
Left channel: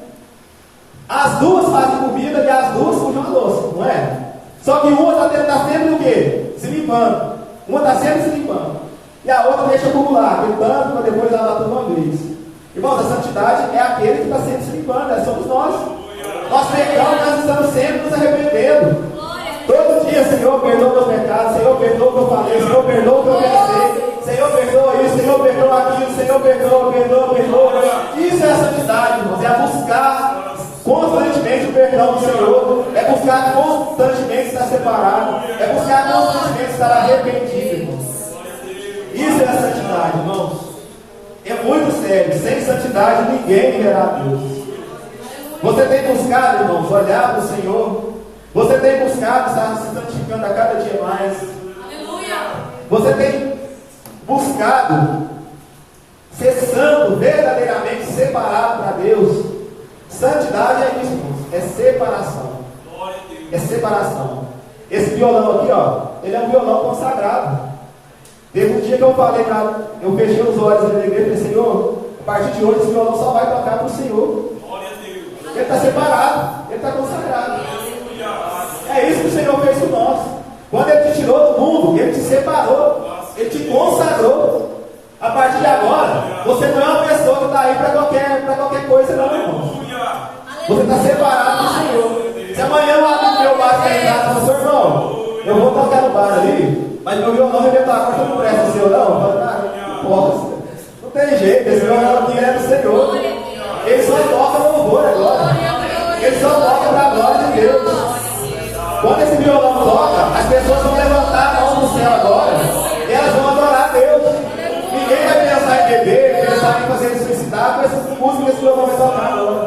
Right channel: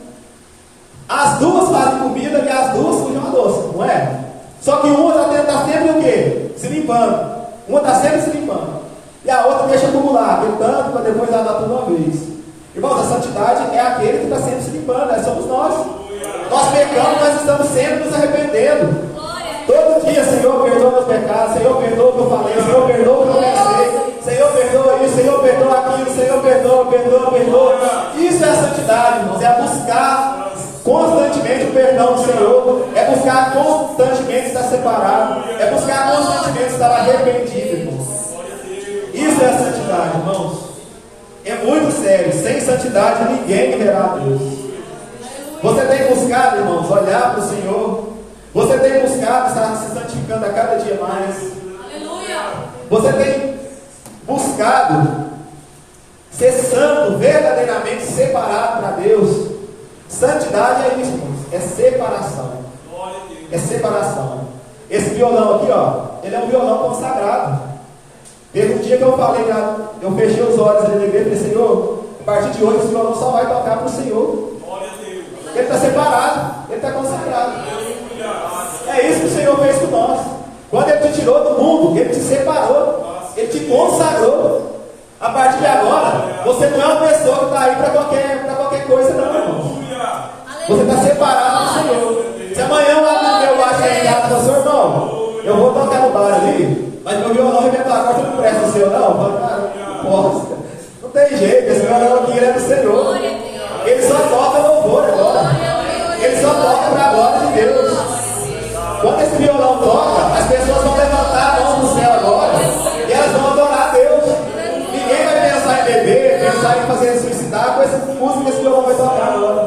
As duas fazem comida e as duas sujam a louça, não é? Só que uma está sempre o quê? Se limpando. Uma está sempre se limpando. E a outra deixa acumular, tentando para depois lavar tudo uma vez. Irmãos, a santidade é aquele que está sempre se limpando, somos nós. Nós pecamos, nós estamos sempre nos arrependendo. Todo dia: Senhor, perdoa o meu pecado, Senhor, perdoa o que eu falei, Senhor, perdoa o que eu pensei, Senhor, perdoa isso, Senhor, perdoa aquilo, Senhor, perdoa. Isso é a santidade, irmãos, é buscar constantemente o perdão do Senhor, é buscar constantemente estar separado, é buscar constantemente estar arrependido, irmãos. Isso é a santidade, irmãos. É muito sério. Sem santidade ninguém verá Deus. Você tem buscado, irmãos, olhar para o Senhor. Você tem buscado estar se santificando a cada dia mais. Você tem buscado ser santo, verdadeiramente separado para Deus. Santidade é isso, irmãos. É separação. É separação. Esse violão aqui, ele é um violão consagrado. Teve um dia que eu falei, eu fechei os olhos ali na igreja e falei: Senhor, a partir de hoje esse violão só vai tocar para o Senhor. Ele está separado, ele está consagrado. É isso que o Senhor fez com nós. Quando Ele te tirou do mundo, Ele te separou, Ele te consagrou. A partir de agora, você não é uma pessoa que está aí para qualquer coisa, não, irmão. Você está separado do Senhor. Se amanhã eu abrir meu bar e falar: seu irmão, eu vou tocar no bar ali, mas meu violão arrebentar a porta não presta o seu, não posso. Não tem jeito, esse violão aqui é do Senhor. Ele só toca louvor agora. Ele só toca para a glória de Deus. Quando esse violão toca, as pessoas vão levantar a mão no céu agora e elas vão adorar a Deus. Ninguém vai pensar em beber, pensar em fazer suicidar com essa música que esse violão vai tocar agora.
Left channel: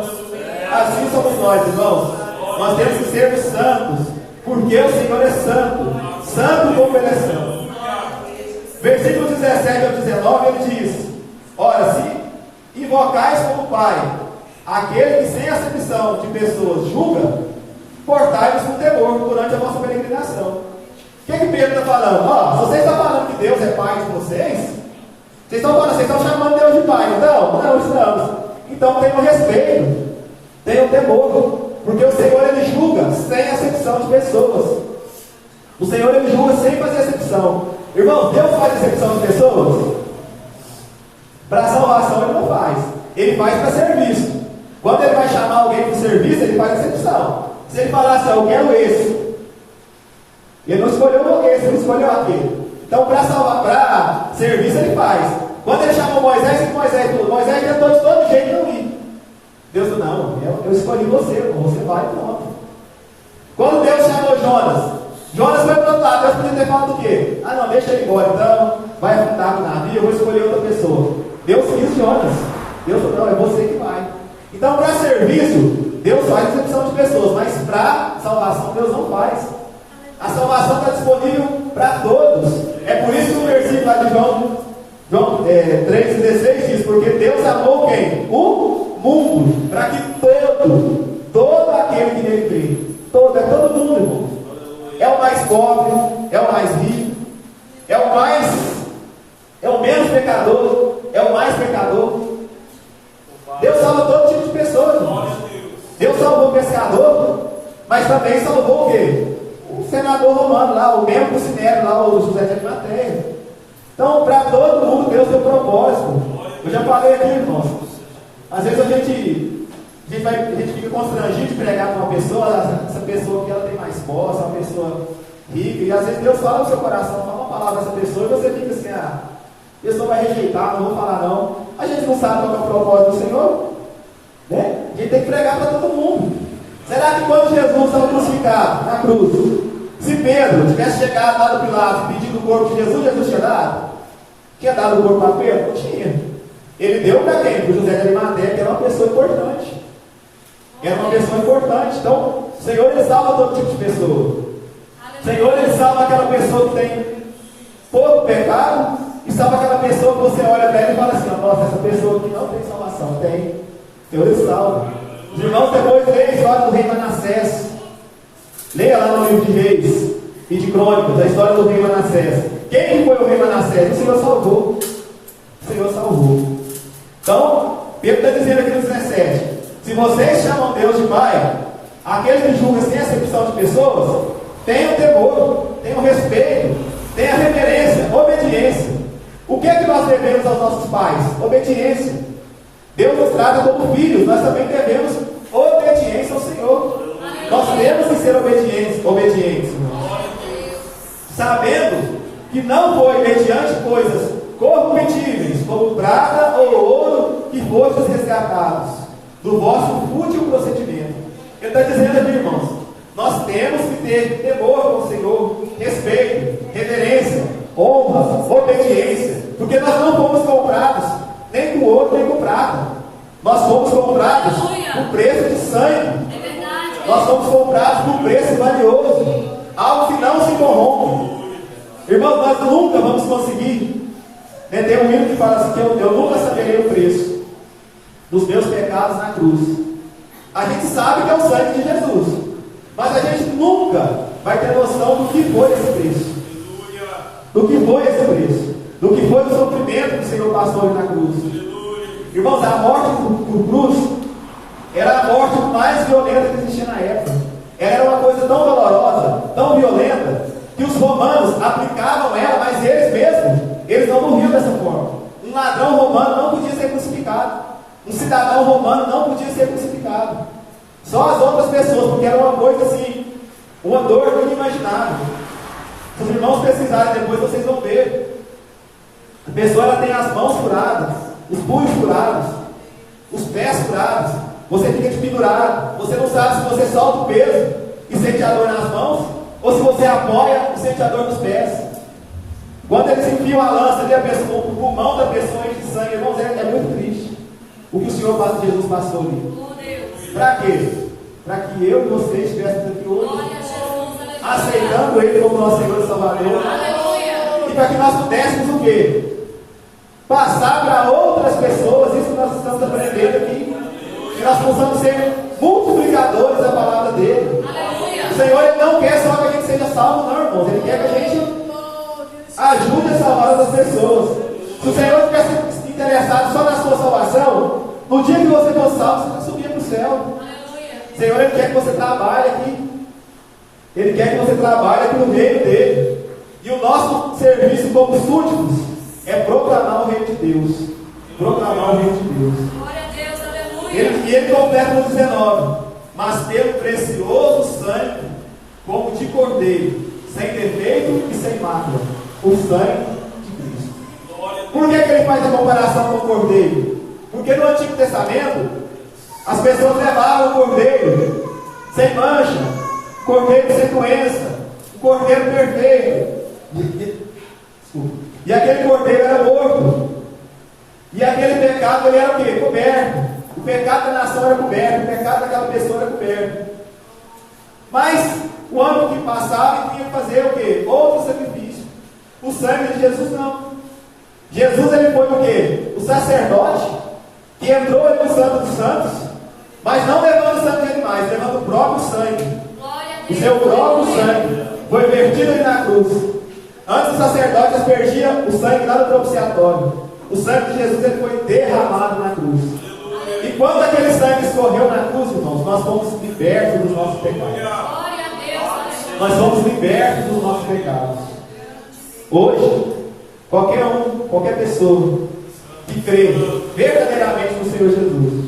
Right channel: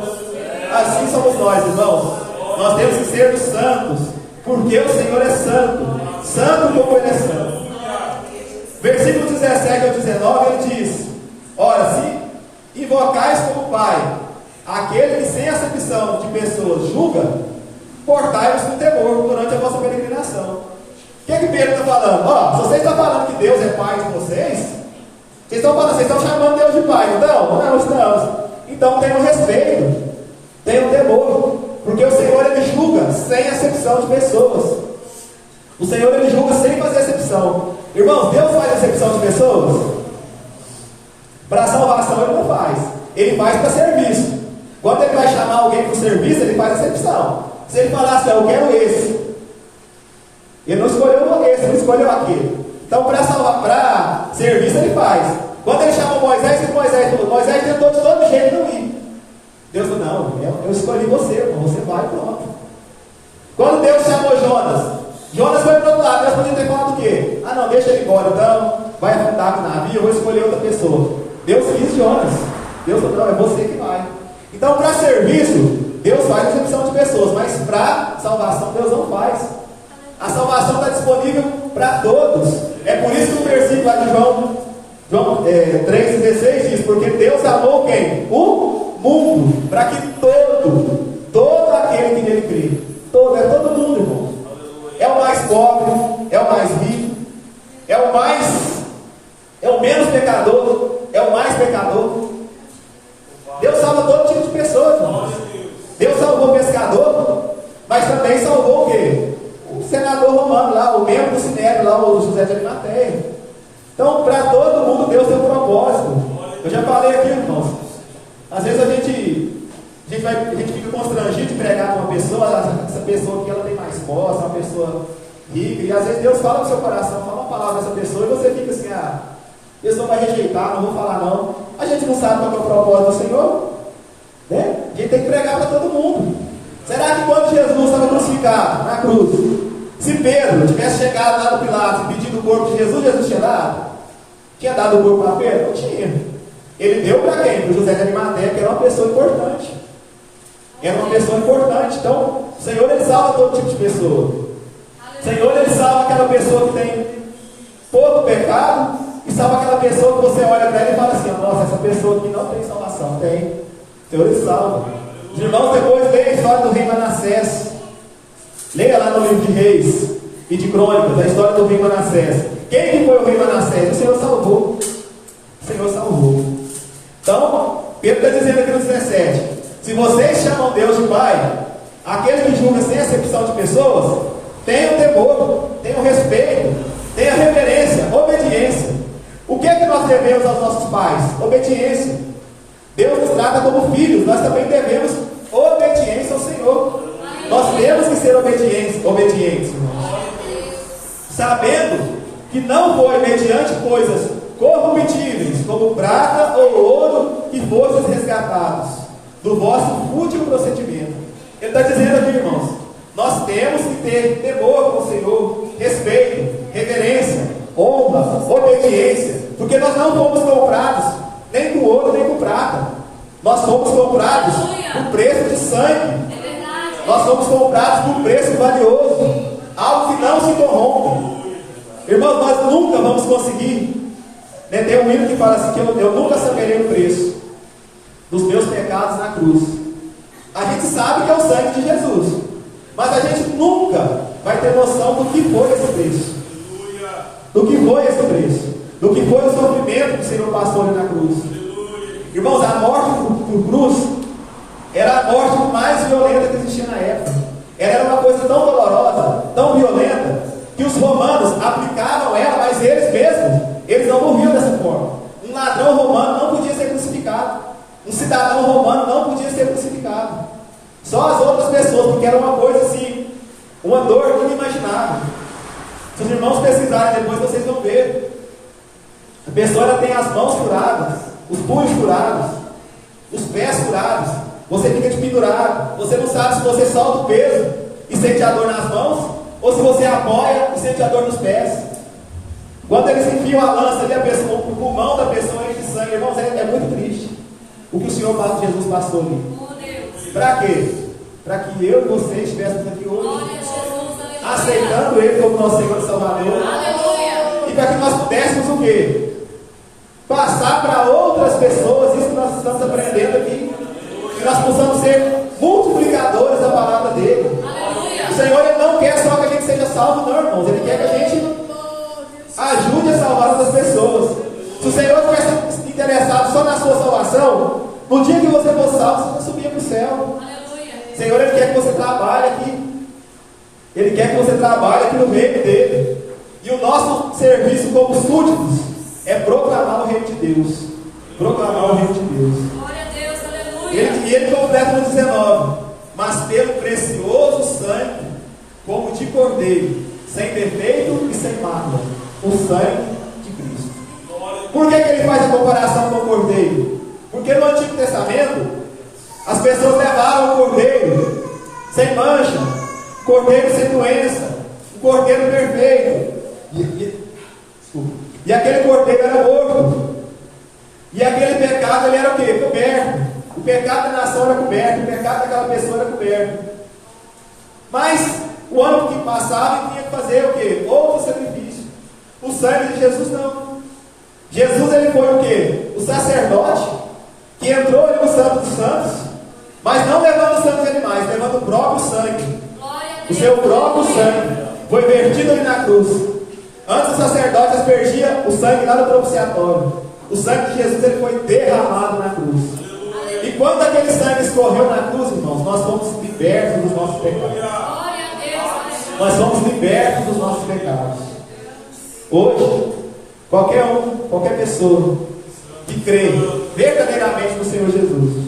Assim somos nós, irmãos. Nós temos que ser santos, porque o Senhor é santo. Santo como Ele é santo. Versículo 17 ao 19, ele diz: ora, se invocais como Pai aquele que sem acepção de pessoas julga, portai-vos com temor durante a vossa peregrinação. O que Pedro está falando? Se vocês estão falando que Deus é Pai de vocês vocês estão chamando Deus de Pai. Não estamos. Então tenham respeito, tenham temor, porque o Senhor Ele julga sem acepção de pessoas. O Senhor Ele julga sem fazer acepção. Irmãos, Deus faz acepção de pessoas? Para a salvação Ele não faz. Ele faz para serviço. Quando Ele vai chamar alguém para o serviço, Ele faz acepção. Se Ele falar assim: eu quero esse, Ele não escolheu esse, Ele escolheu aquele. Então, para salvar, para serviço, Ele faz. Quando Ele chamou Moisés, Moisés tentou de todo jeito não ir. Deus falou: não, eu escolhi você vai e pronto. Quando Deus chamou Jonas foi para o outro lado. Deus podia ter falado o quê? Não, deixa ele embora, então vai afundar com o navio, eu vou escolher outra pessoa. Deus quis Jonas. Deus falou: não, é você que vai. Então, para serviço, Deus faz exceção de pessoas, mas para salvação Deus não faz. A salvação está disponível para todos. É por isso que o versículo lá de João 3,16 diz: porque Deus amou quem? O mundo, para que todo aquele que nele crê, todo mundo, irmão. É o mais pobre, é o mais rico, é o menos pecador, é o mais pecador. Deus salva todo tipo de pessoa, irmão. Deus salvou o pescador, mas também salvou o quê? O senador romano lá, o membro do Sinédrio lá, o José de Arimateia. Então, para todo mundo Deus tem um propósito. Eu já falei aqui, irmãos. Às vezes a gente fica constrangido de pregar com uma pessoa, essa pessoa que ela tem mais posse, uma pessoa rica, e às vezes Deus fala no seu coração, fala uma palavra dessa pessoa, e você fica assim, a pessoa vai rejeitar, não vou falar não. A gente não sabe qual é o propósito do Senhor, né? A gente tem que pregar para todo mundo. Será que quando Jesus estava crucificado na cruz, se Pedro tivesse chegado lá do Pilatos pedindo o corpo de Jesus, Jesus tinha dado? Tinha dado o corpo para Pedro? Não tinha. Ele deu para quem? Para José de Arimateia, que era uma pessoa importante. Era uma pessoa importante. Então, o Senhor, Ele salva todo tipo de pessoa. O Senhor, Ele salva aquela pessoa que tem pouco pecado, e salva aquela pessoa que você olha para ela e fala assim: nossa, essa pessoa aqui não tem salvação. Tem. O Senhor, Ele salva. Os irmãos, depois leia a história do rei Manassés. Leia lá no livro de Reis e de Crônicas a história do rei Manassés. Quem que foi o rei Manassés? O Senhor salvou. O Senhor salvou. Então, Pedro está dizendo aqui no 17: se vocês chamam Deus de Pai, aquele que julga sem acepção de pessoas, tenham temor, tenham respeito, tenham reverência, obediência. O que é que nós devemos aos nossos pais? Obediência. Deus nos trata como filhos, nós também devemos obediência ao Senhor. Nós temos que ser obedientes, sabendo que não foi mediante coisas corruptíveis, como prata ou ouro, que fostes resgatados do vosso fútil procedimento. Ele está dizendo aqui, irmãos, nós temos que ter temor com o Senhor, respeito, reverência, honra, obediência, porque nós não fomos comprados nem com ouro nem com prata. Nós fomos comprados por preço de sangue. Nós fomos comprados por preço valioso, algo que não se corrompe. Irmãos, nós nunca vamos conseguir, né? Tem um hino que fala assim, que eu nunca saberei o preço dos meus pecados na cruz. A gente sabe que é o sangue de Jesus, mas a gente nunca vai ter noção do que foi esse preço, do que foi esse preço, do que foi o sofrimento que o Senhor passou ali na cruz. Irmãos, a morte por cruz era a morte mais violenta que existia na época. Ela era uma coisa tão dolorosa, tão violenta, que os romanos aplicavam ela, mas eles mesmos, eles não morriam dessa forma. Um ladrão romano não podia ser crucificado. Um cidadão romano não podia ser crucificado. Só as outras pessoas, porque era uma coisa assim, uma dor inimaginável. Se os irmãos pesquisarem depois, vocês vão ver. A pessoa ela tem as mãos furadas, os punhos furados, os pés furados. Você fica pendurado. Você não sabe se você solta o peso e sente a dor nas mãos, ou se você apoia e sente a dor nos pés. Quando eles enfiam a lança ali, o pulmão da pessoa enche de sangue, irmãos, é muito triste o que o Senhor Jesus passou ali. Para quê? Para que eu e você estivéssemos aqui hoje, aceitando Ele como nosso Senhor e Salvador, e para que nós pudéssemos o quê? Passar para outras pessoas isso que nós estamos aprendendo aqui, que nós possamos ser multiplicadores da palavra dele. O Senhor, Ele não quer só que a gente seja salvo, não, irmãos. Ele quer que a gente ajude a salvar outras pessoas. Se o Senhor estivesse interessado só na sua salvação, no dia que você for salvo, você subia para o céu. O Senhor, Ele quer que você trabalhe aqui. Ele quer que você trabalhe aqui no reino dele. E o nosso serviço como súditos é proclamar o reino de Deus. Proclamar o reino de Deus. Glória a Deus, aleluia. E ele completa no 19: mas pelo precioso sangue, como de cordeiro, sem defeito e sem mácula, o sangue de Cristo. Por que ele faz a comparação com o cordeiro? Porque no Antigo Testamento as pessoas levavam o cordeiro sem mancha, cordeiro sem doença, um cordeiro perfeito, e aquele cordeiro era morto, e aquele pecado ele era o quê? Coberto. O pecado da nação era coberto, o pecado daquela pessoa sangue de Jesus não. Jesus ele foi o quê? O sacerdote que entrou ali no Santo dos Santos, mas não levando sangue de animais, levando o próprio sangue. O seu próprio sangue foi vertido ali na cruz. Antes o sacerdote aspergia o sangue lá no propiciatório. O sangue de Jesus ele foi derramado na cruz. E quando aquele sangue escorreu na cruz, irmãos, nós fomos libertos dos nossos pecados. Nós fomos libertos dos nossos pecados. Hoje, qualquer pessoa que crê verdadeiramente no Senhor Jesus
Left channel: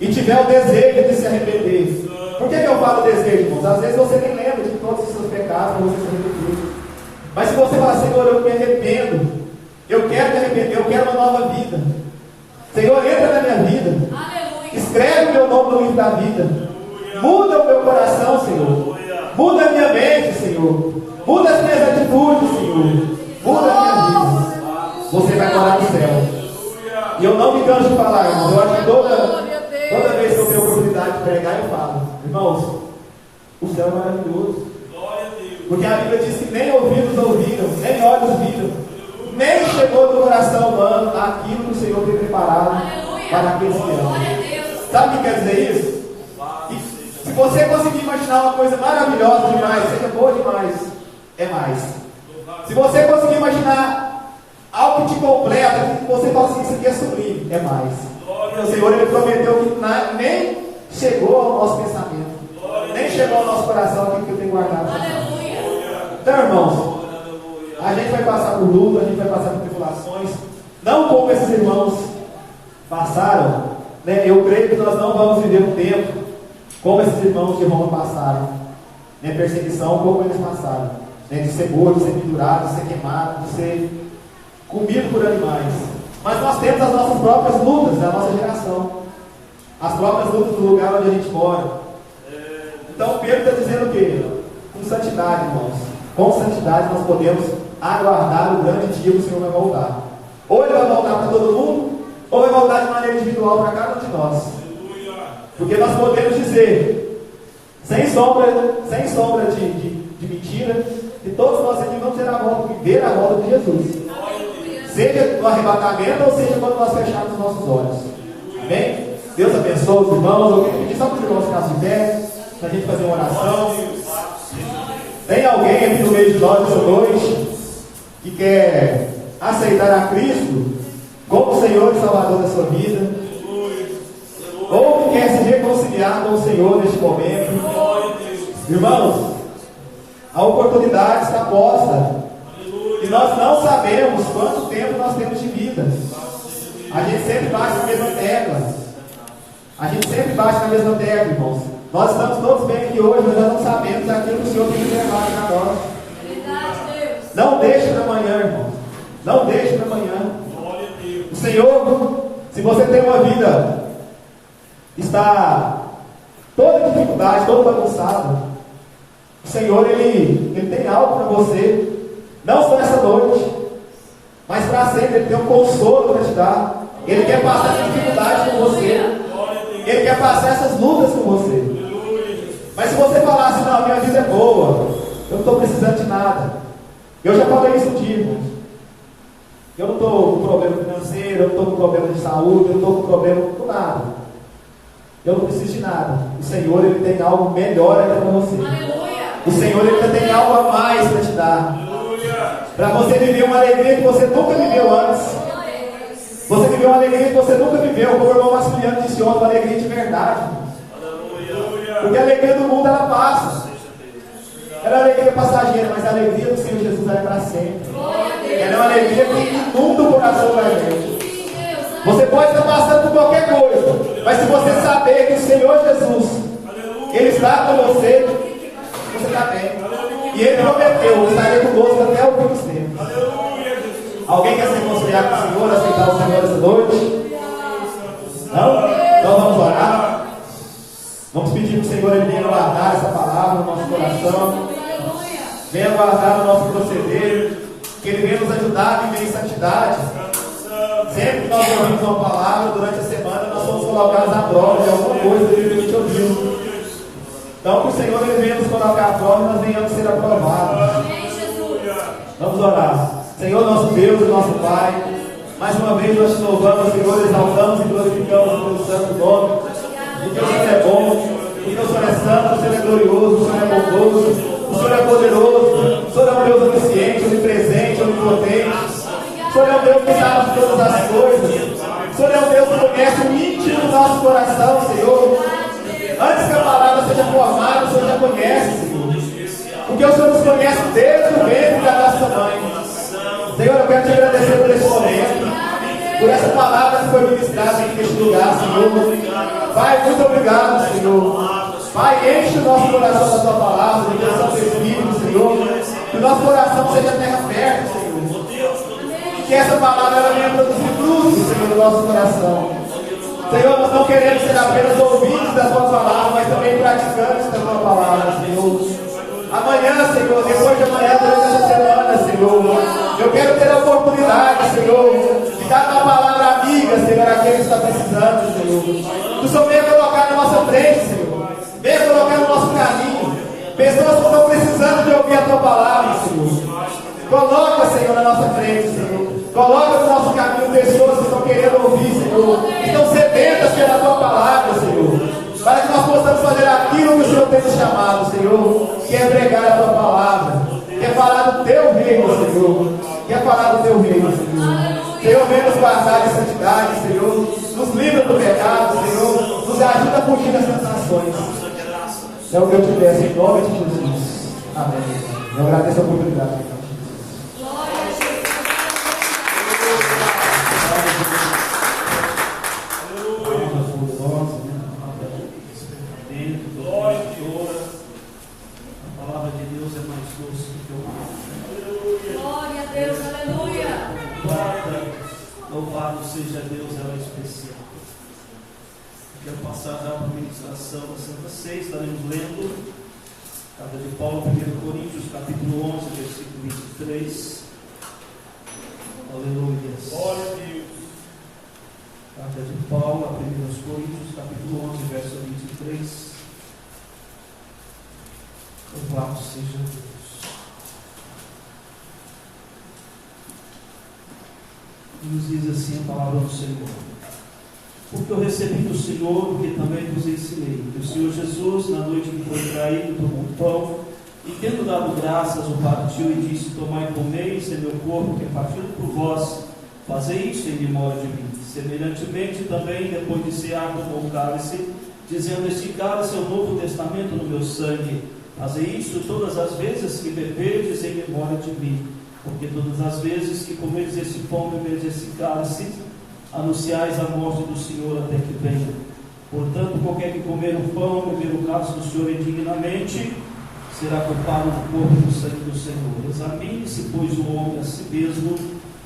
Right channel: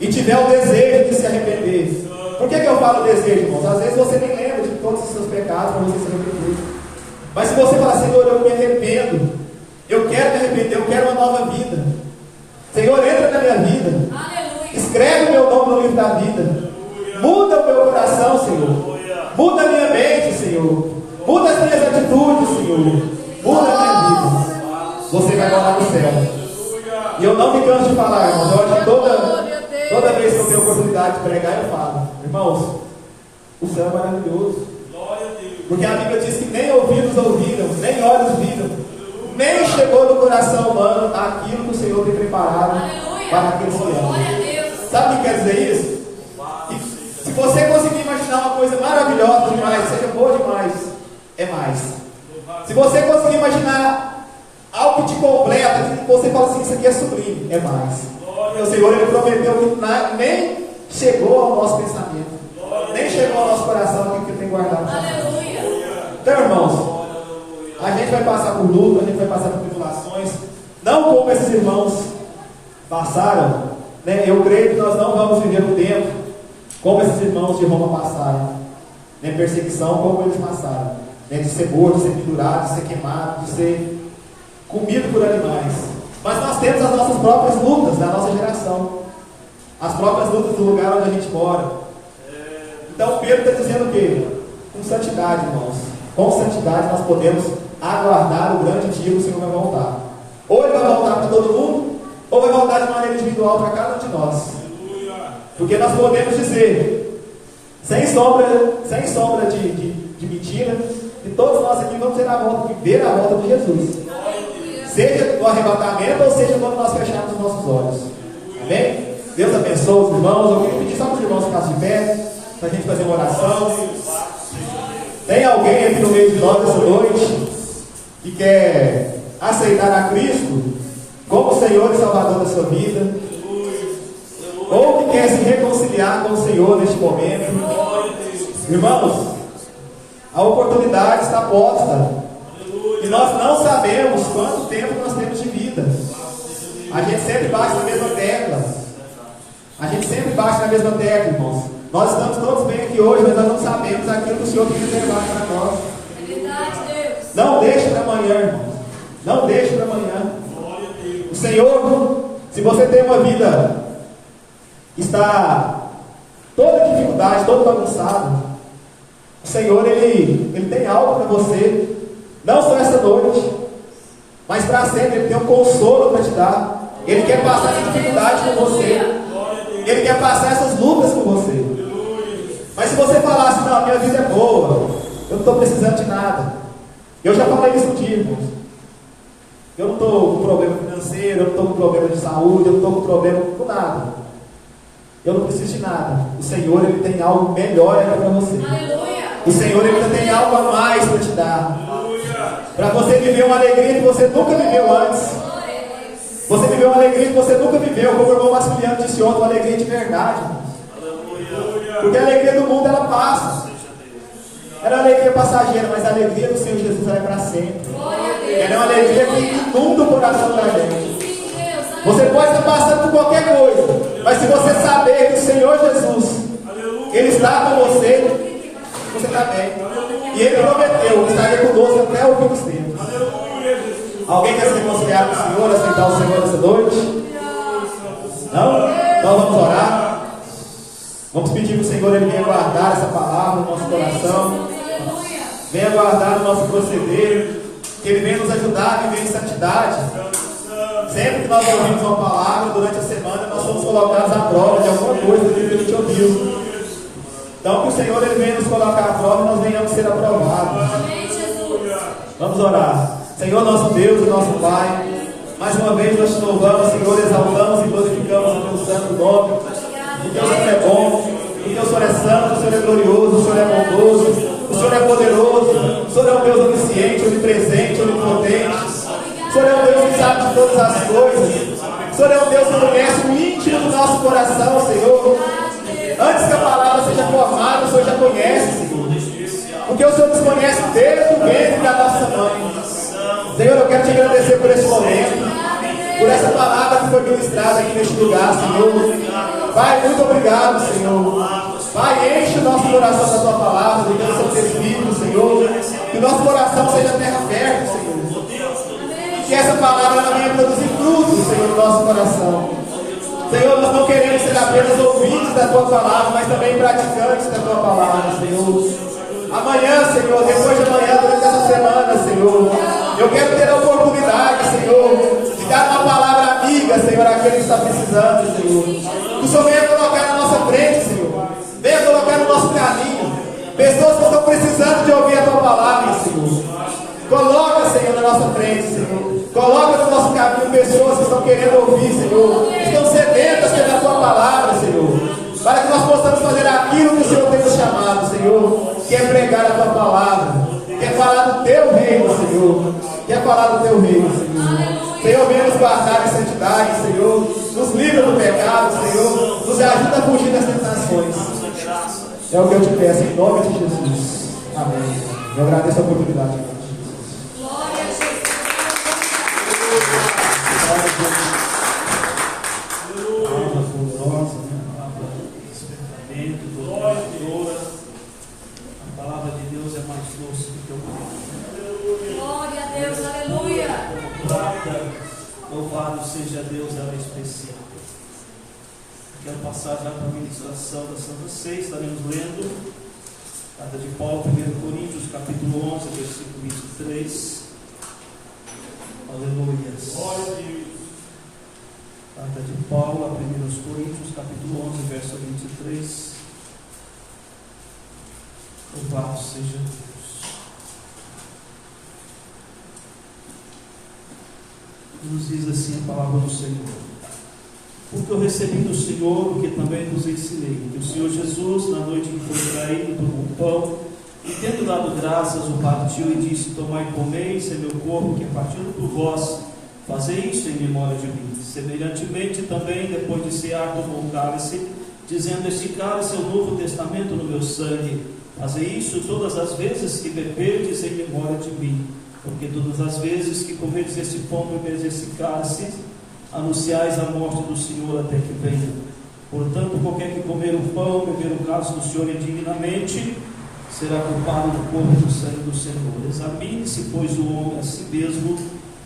e tiver o desejo de se arrepender. Por que eu falo desejo, irmãos? Às vezes você nem lembra de todos os seus pecados para você se arrepender. Mas se você falar, Senhor, eu me arrependo, eu quero me arrepender, eu quero uma nova vida. Senhor, entra na minha vida. Aleluia. Escreve o meu nome no livro da vida. Aleluia. Muda o meu coração, Senhor. Aleluia. Muda a minha mente, Senhor. Muda as minhas atitudes, Senhor. Muda a minha vida. Você vai morar no céu. E eu não me canso de falar, irmãos. Eu acho que toda vez que eu tenho oportunidade de pregar, eu falo, irmãos, o céu é maravilhoso. Porque a Bíblia diz que nem ouvidos ouviram, nem olhos viram, nem chegou no coração humano aquilo que o Senhor tem preparado para aqueles que amam. Sabe o que quer dizer isso? E se você conseguir imaginar uma coisa maravilhosa demais, seja boa demais, é mais. Se você conseguir imaginar algo que te completa, que você fala assim, isso aqui é sublime, é mais. O Senhor ele prometeu que nem chegou ao nosso pensamento, nem chegou ao nosso coração aquilo que ele tem guardado. Então, irmãos, a gente vai passar por luta, a gente vai passar por tribulações, não como esses irmãos passaram, né? Eu creio que nós não vamos viver um tempo como esses irmãos de Roma passaram, né? Perseguição como eles passaram, né? De ser morto, de ser pendurado, de ser queimado, de ser comido por animais. Mas nós temos as nossas próprias lutas da nossa geração, as próprias lutas do lugar onde a gente mora. Então Pedro está dizendo o quê? Com santidade, irmãos. Com santidade nós podemos aguardar o grande dia que o Senhor vai voltar. Ou ele vai voltar para todo mundo, ou vai voltar de maneira individual para cada um de nós. Porque nós podemos dizer, sem sombra de mentira, que todos nós aqui vamos viver a volta de Jesus. Seja no arrebatamento, ou seja quando nós fecharmos os nossos olhos. Amém? Deus abençoe os irmãos. Eu queria pedir só para os irmãos ficarem de pé, para a gente fazer uma oração. Tem alguém aqui no meio de nós essa noite que quer aceitar a Cristo como Senhor e Salvador da sua vida, ou que quer se reconciliar com o Senhor neste momento? Irmãos, a oportunidade está posta e nós não sabemos quanto tempo nós temos de vida. A gente sempre bate na mesma tecla, irmãos. Nós estamos todos bem aqui hoje, mas nós não sabemos aquilo que o Senhor tem preparado para nós. Não deixe para amanhã, irmãos. Não deixe para amanhã. O Senhor, se você tem uma vida, está toda dificuldade, todo bagunçado, o Senhor, Ele tem algo para você, não só essa noite, mas para sempre. Ele tem um consolo para te dar. Ele quer passar essa dificuldade com você. Ele quer passar essas lutas com você. Mas se você falar assim, não, a minha vida é boa, eu não estou precisando de nada. Eu já falei isso um dia, irmãos. Eu não estou com problema financeiro, eu não estou com problema de saúde, eu não estou com problema com nada. Eu não preciso de nada. O Senhor, Ele tem algo melhor ainda para você. O Senhor, Ele ainda tem algo a mais para te dar. Para você viver uma alegria que você nunca viveu antes. Você viveu uma alegria que você nunca viveu. Como o irmão Maximiliano disse ontem, uma alegria de verdade. Porque a alegria do mundo, ela passa. Ela é uma alegria passageira, mas a alegria do Senhor Jesus é para sempre. Ela é uma alegria que inunda o coração da gente. Você pode estar passando por qualquer coisa, mas se você saber que o Senhor Jesus, Ele está com você, você está bem. E Ele prometeu, estaria conosco até o fim dos tempos. Alguém quer se reconciliar com o Senhor, aceitar o Senhor essa noite? Não? Então vamos orar. Vamos pedir para o Senhor Ele venha guardar essa palavra no nosso coração, venha guardar no nosso proceder, que Ele venha nos ajudar a viver em santidade. Sempre que nós ouvimos uma palavra durante a semana, nós somos colocados à prova de alguma coisa que Ele te ouviu. Então que o Senhor Ele venha nos colocar à prova e nós venhamos ser aprovados. Vamos Vamos orar. Senhor, nosso Deus e nosso Pai, mais uma vez nós te louvamos, Senhor, exaltamos e glorificamos o teu santo nome. O teu Senhor é bom, o teu Senhor é santo, o Senhor é glorioso, o Senhor é bondoso, o Senhor é poderoso, o Senhor é um Deus onisciente, onipresente, onipotente. O Senhor é um Deus que sabe de todas as coisas. O Senhor é um Deus que conhece o íntimo do nosso coração, Senhor. Antes que a palavra seja formada, o Senhor já conhece, Senhor. Porque o Senhor nos conhece desde o ventre da nossa mãe. Senhor, eu quero te agradecer por esse momento, por essa palavra que foi ministrada aqui neste lugar, Senhor. Pai, muito obrigado, Senhor. Pai, enche o nosso coração da tua palavra, do teu Santo Espírito, Senhor. Que o nosso coração seja terra fértil, Senhor. Que essa palavra ela venha produzir frutos, Senhor, no nosso coração. Senhor, nós não queremos ser apenas ouvintes da tua palavra, mas também praticantes da tua palavra, Senhor. Amanhã, Senhor, depois de amanhã, durante essa semana, Senhor, eu quero ter a oportunidade, Senhor, de dar uma palavra amiga, Senhor, àquele que está precisando, Senhor. Que o Senhor venha colocar na nossa frente, Senhor. Venha colocar no nosso caminho pessoas que estão precisando de ouvir a tua palavra, Senhor. Coloca, Senhor, na nossa frente, Senhor. Coloca no nosso caminho pessoas que estão querendo ouvir, Senhor. Que estão sedentas pela tua palavra, Senhor. Para que nós possamos fazer aquilo que o Senhor tem nos chamado, Senhor. Que é pregar a tua palavra. Que é falar do teu reino, Senhor. Que é falar do teu reino, Senhor. Senhor, venha nos guardar em santidade, Senhor. Nos livra do pecado, Senhor. Nos ajuda a fugir das tentações. É o que eu te peço em nome de Jesus. Amém. Eu agradeço a oportunidade. Louvado seja Deus, ela é especial. Quero passar já para a ministração da Santa Ceia. Estaremos lendo a carta de Paulo, 1 Coríntios, capítulo 11, versículo 23. Aleluia. Glória a Deus. Carta de Paulo, a 1 Coríntios, capítulo 11, verso 23. Louvado seja Deus. Nos diz assim a palavra do Senhor: porque eu recebi do Senhor o que também vos ensinei, que o Senhor Jesus, na noite em que foi traído, tomou o pão e, tendo dado graças, o partiu e disse: tomai e comei, isso é meu corpo que é partido por vós, fazei isso em memória de mim. Semelhantemente também, depois de cear, tomou o cálice, dizendo: este cálice é o novo testamento no meu sangue, fazei isso todas as vezes que beberdes em memória de mim. Porque todas as vezes que comeres esse pão e beberes esse cálice, anunciais a morte do Senhor até que venha. Portanto, qualquer que comer o pão e beber o cálice do Senhor indignamente, será culpado do corpo e do sangue do Senhor. Examine-se, pois, o homem a si mesmo,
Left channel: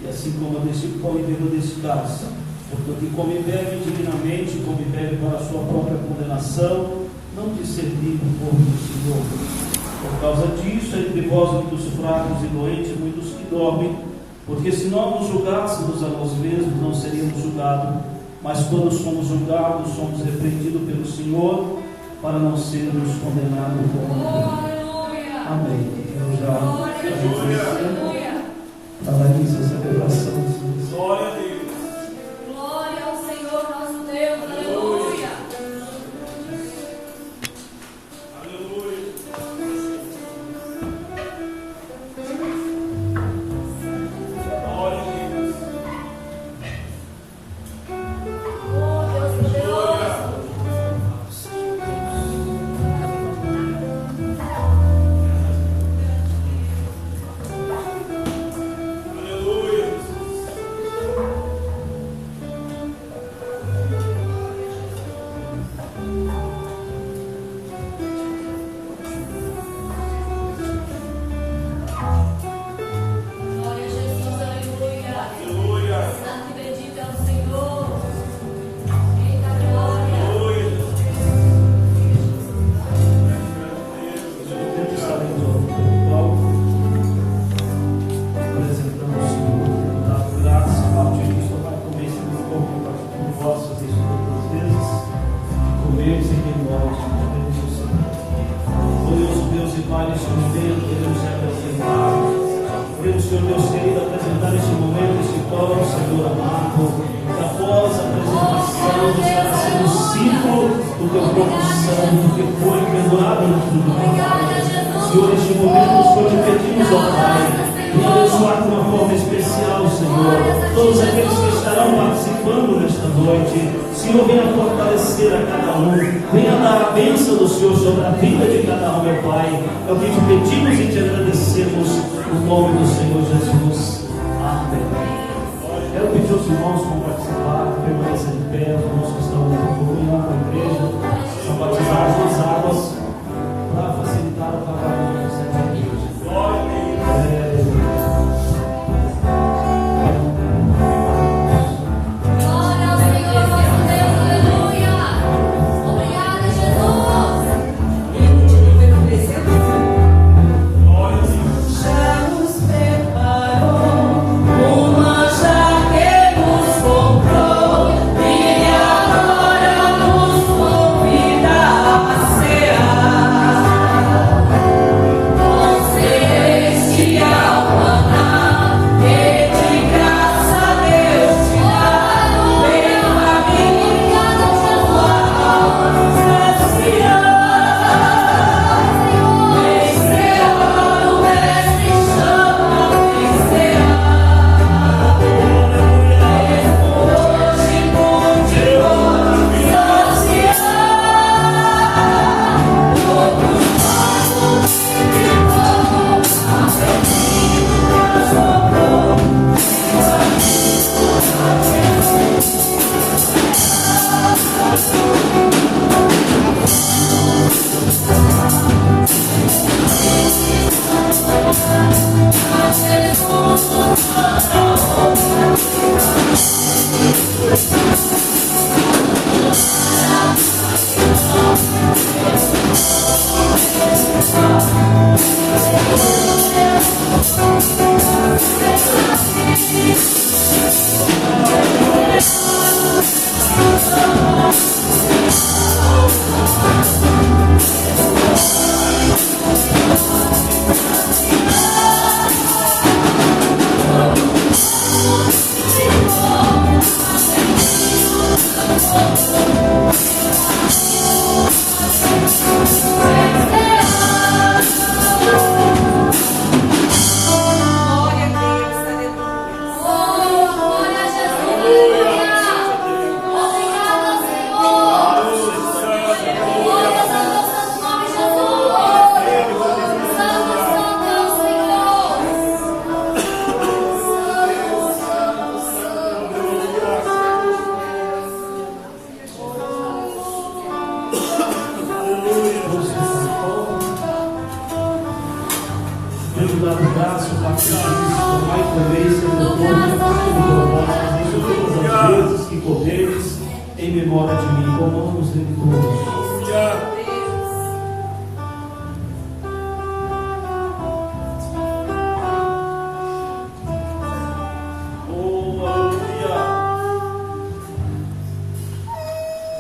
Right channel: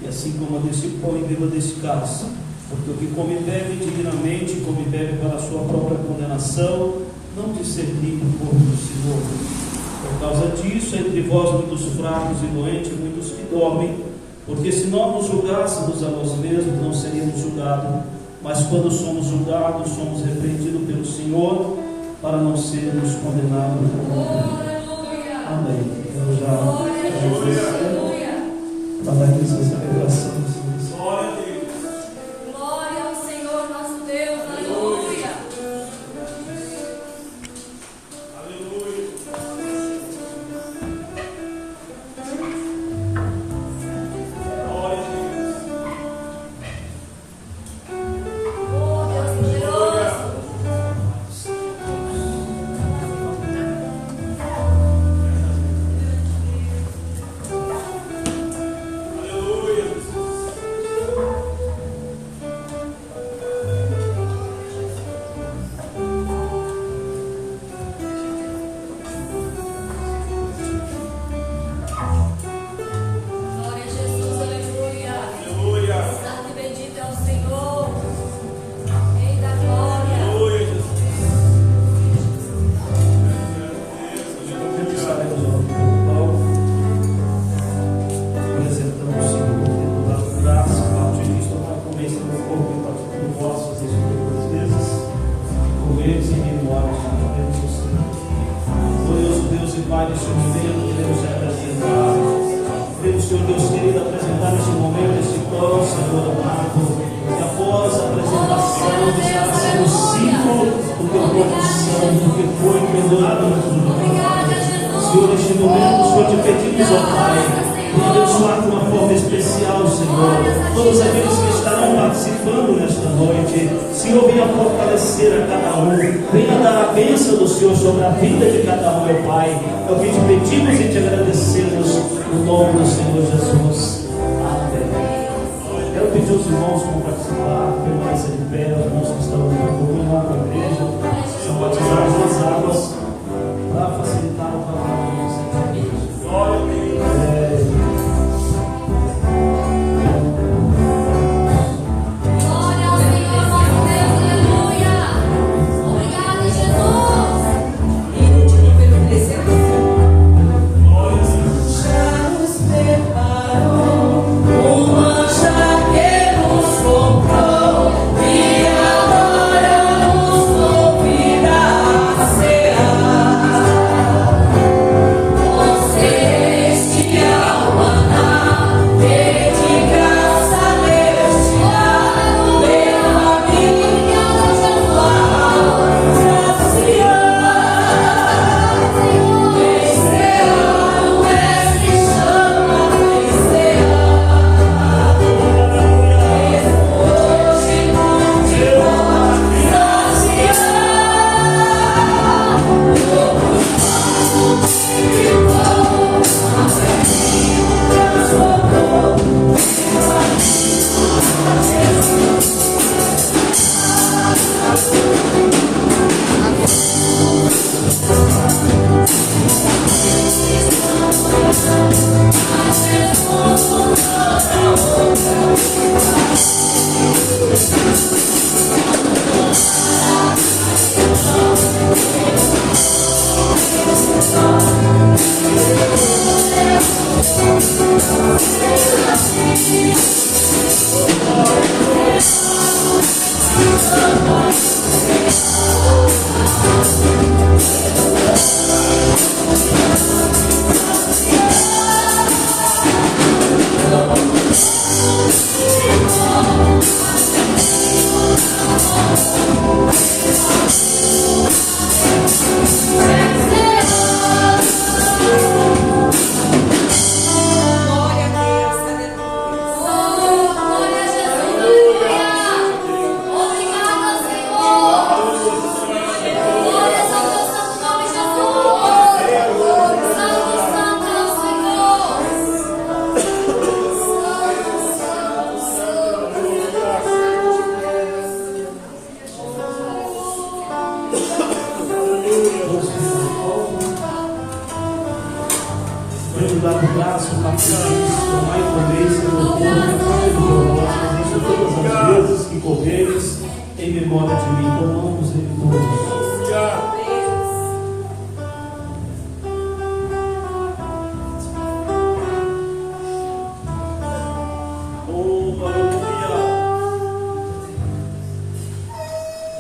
e assim coma desse pão e beba desse cálice. Porque o que come e bebe indignamente, come e bebe para a sua própria condenação, não discernindo o corpo do Senhor. Por causa disso, entre vós muitos fracos e doentes, muitos que dormem, porque se nós nos julgássemos a nós mesmos, não seríamos julgados, mas quando somos julgados, somos repreendidos pelo Senhor, para não sermos condenados por ninguém. Amém. Eu já paraliso essa gravação. Glória a Deus. Glória ao Senhor nosso Deus. Aleluia. Senhor Deus querido, apresentar neste momento este pão, Senhor amado, que após a apresentação estará sendo o símbolo do teu corpo santo, que foi pendurado no cruz. Senhor, neste momento, Senhor, te pedimos, ó Pai, venha abençoar de uma forma especial, Senhor, todos aqueles que estarão participando nesta noite. Senhor, venha fortalecer a cada um, venha dar a bênção do Senhor sobre a vida de cada um, meu Pai. É o que te pedimos e te agradecemos no nome do Senhor Jesus. Amém. Quero pedir aos irmãos que vão participar, permanecer de pé, os irmãos que estão no da igreja, são batizados nas águas para facilitar o trabalho do Senhor.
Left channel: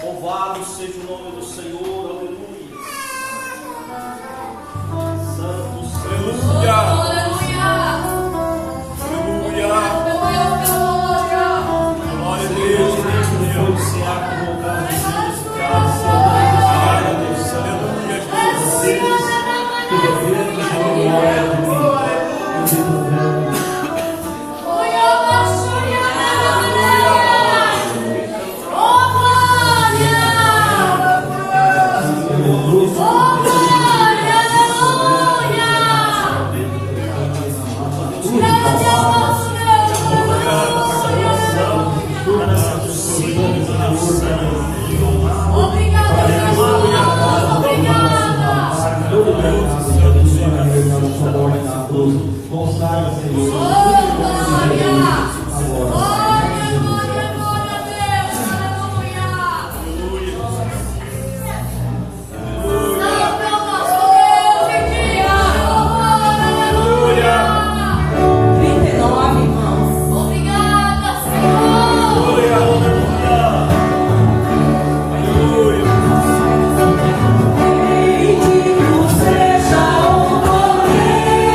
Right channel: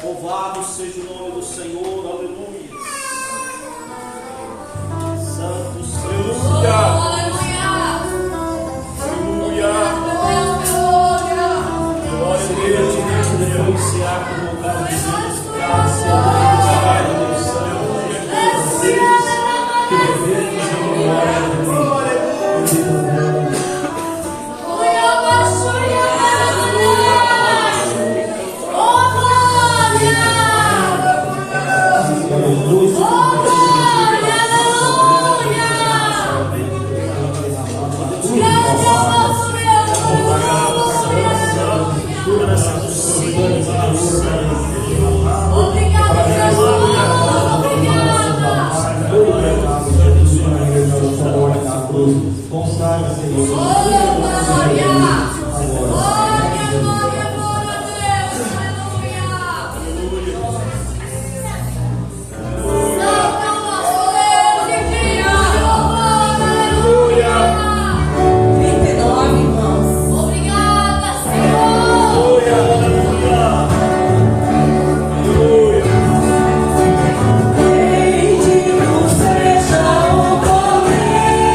Louvado seja o nome do Senhor, aleluia. Santo Senhor, aleluia. Aleluia. Glória a Deus, depois de se abre o lugar de Deus, graça a Deus, Deus, que devemos a glória de Deus. Consagra, Senhor. Bendito seja o Cordeiro.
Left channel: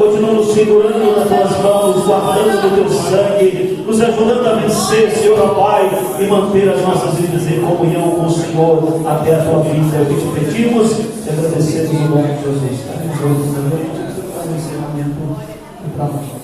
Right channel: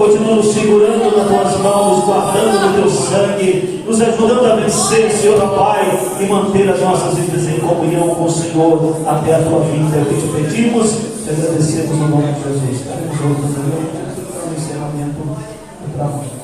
Continua nos segurando nas tuas mãos, guardando no teu sangue, nos ajudando a vencer, Senhor, ó Pai, e manter as nossas vidas em comunhão com o Senhor até a tua vinda. É o que te pedimos, te agradecemos no nome de Jesus. Estamos juntos, para o encerramento e para amanhã.